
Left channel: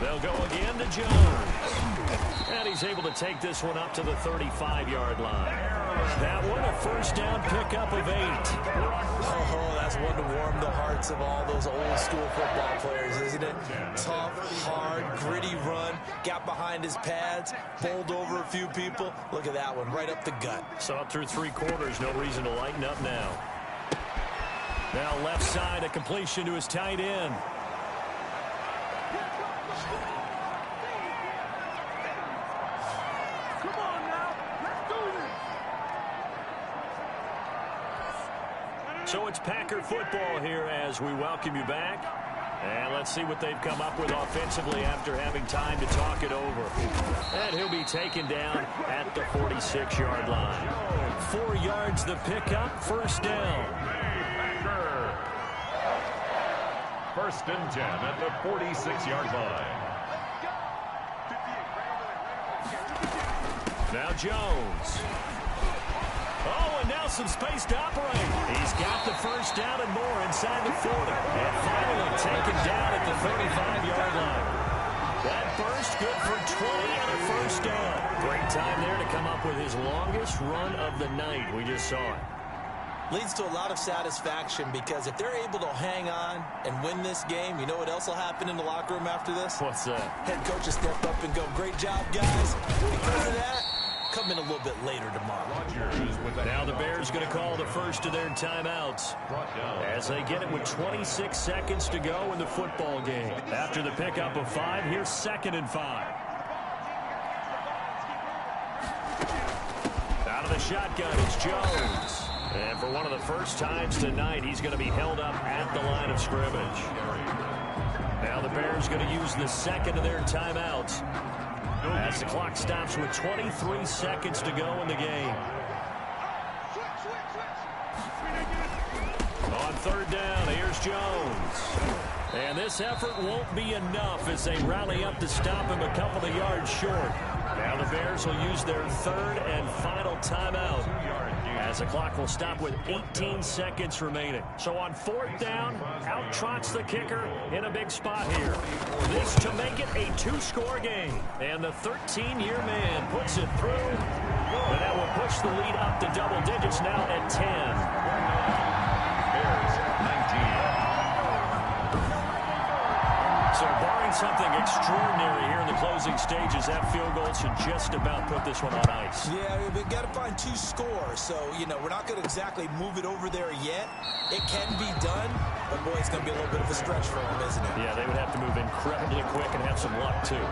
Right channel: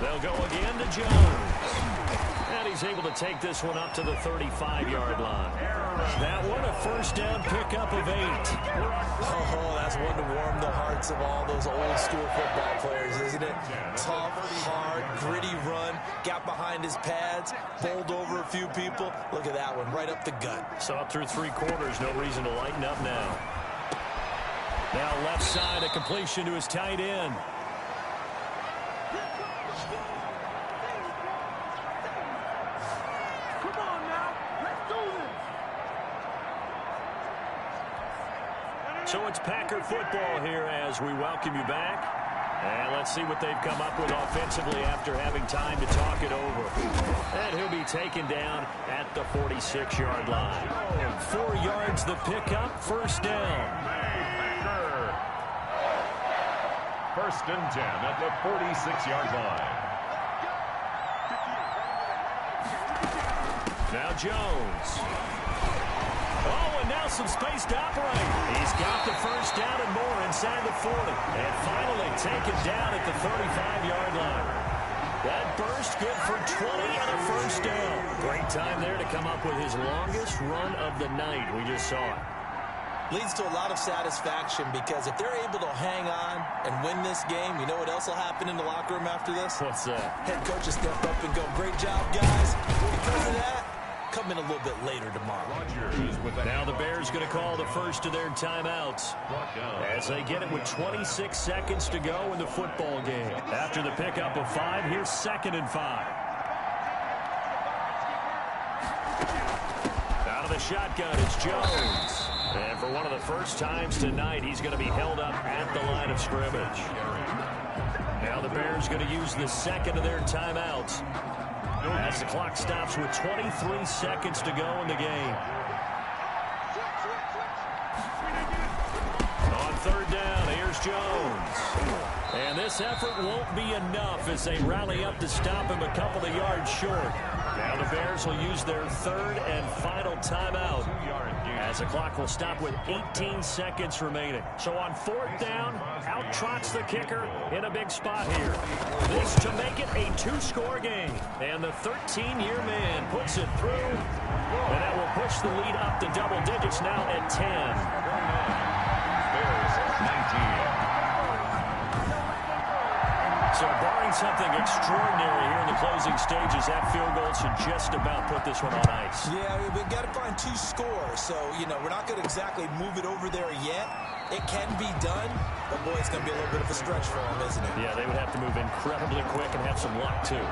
They'll go again to Jones. And he's able to take this one up to the 35-yard line. That one a first down pickup of 8. Oh, that's one to warm the hearts of all those old school football players, isn't it? Tough, hard, gritty run. Got behind his pads, bowled over a few people. Look at that one, right up the gut. So up through 3 quarters, no reason to lighten up now. Now left side, a completion to his tight end. Come on now, let's do this. So it's Packer football here as we welcome you back. And let's see what they've come up with offensively after having time to talk it over. And he'll be taken down at the 46-yard line. 4 yards the pickup, first down. Packer. 1st and 10 at the 46-yard line. Now Jones. Oh, and now some space to operate. He's got the first down and more inside the 40. And finally taken down at the 35-yard line. That burst good for 20 and a first down. Great time there to come up with his longest run of the night. We just saw it. Leads to a lot of satisfaction because if they're able to hang on and win this game, you know what else will happen in the locker room after this? What's that? Head coach will step up and go, great job, guys. Because of that, come in a little bit later tomorrow. Now the Bears going to call the first of their timeouts as they get it with 26 seconds to go in the football game. After the pickup of 5, here's 2nd and 5. Out of the shotgun, it's Jones. And for one of the first times tonight, he's going to be held up at the line of scrimmage. Now the Bears going to use the second of their timeouts as the clock stops with 23 seconds to go in the game. On 3rd down, here's Jones. And this effort won't be enough as they rally up to stop him a couple of yards short. Now the Bears will use their 3rd and final timeout as the clock will stop with 18 seconds remaining. So on 4th down, out trots the kicker in a big spot here. This to make it a 2-score game. And the 13-year man puts it through. And that will push the lead up to double digits now at 10. 29, Bears 19. So barring something extraordinary here in the closing stages, that field goal should just about put this one on ice. Yeah, we've got to find 2 scores. So, you know, we're not going to exactly move it over there yet. It can be done, but boy, it's going to be a little bit of a stretch for them, isn't it? Yeah, they would have to move incredibly quick and have some luck, too.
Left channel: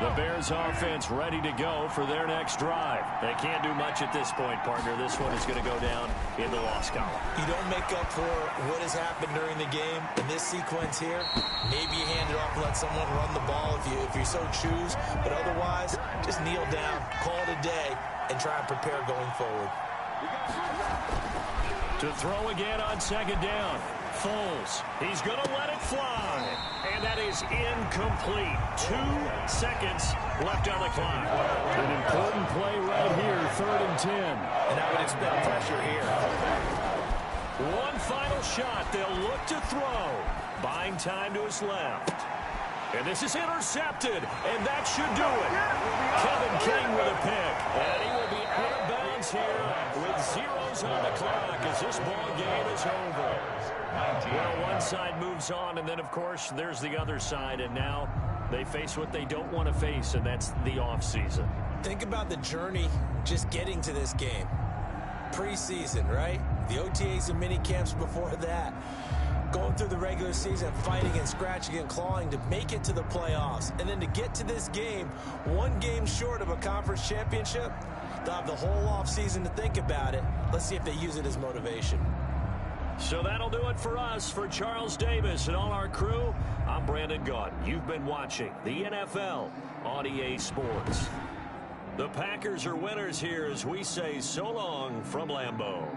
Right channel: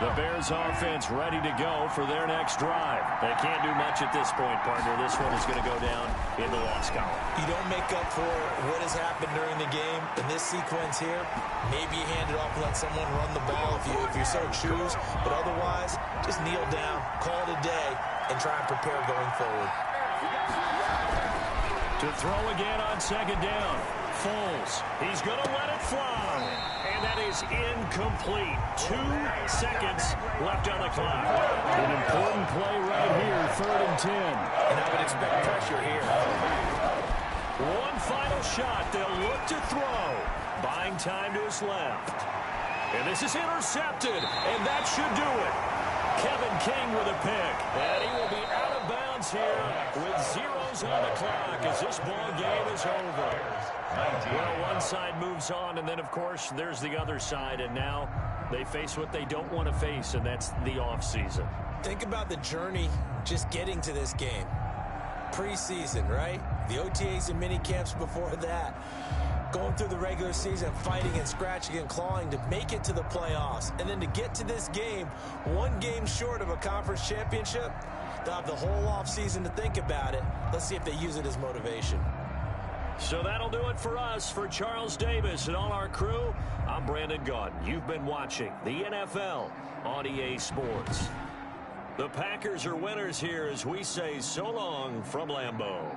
The Bears offense ready to go for their next drive. They can't do much at this point, partner. This one is going to go down in the loss column. You don't make up for what has happened during the game in this sequence here. Maybe you hand it off and let someone run the ball if you so choose. But otherwise, just kneel down, call it a day, and try and prepare going forward. To throw again on 2nd down. Foles. He's going to let it fly. And that is incomplete. 2 seconds left on the clock. An important play right here, 3rd and 10. And I would expect pressure here. One final shot. They'll look to throw. Buying time to his left. And this is intercepted. And that should do it. Kevin King with a pick. And he will be out of bounds here with zeros on the clock as this ball game is over. Well, one side moves on, and then, of course, there's the other side, and now they face what they don't want to face, and that's the offseason. Think about the journey just getting to this game. Preseason, right? The OTAs and mini camps before that. Going through the regular season, fighting and scratching and clawing to make it to the playoffs. And then to get to this game, one game short of a conference championship, they'll have the whole offseason to think about it. Let's see if they use it as motivation. So that'll do it for us. For Charles Davis and all our crew, I'm Brandon Gaudin. You've been watching the NFL on EA Sports. The Packers are winners here as we say so long from Lambeau.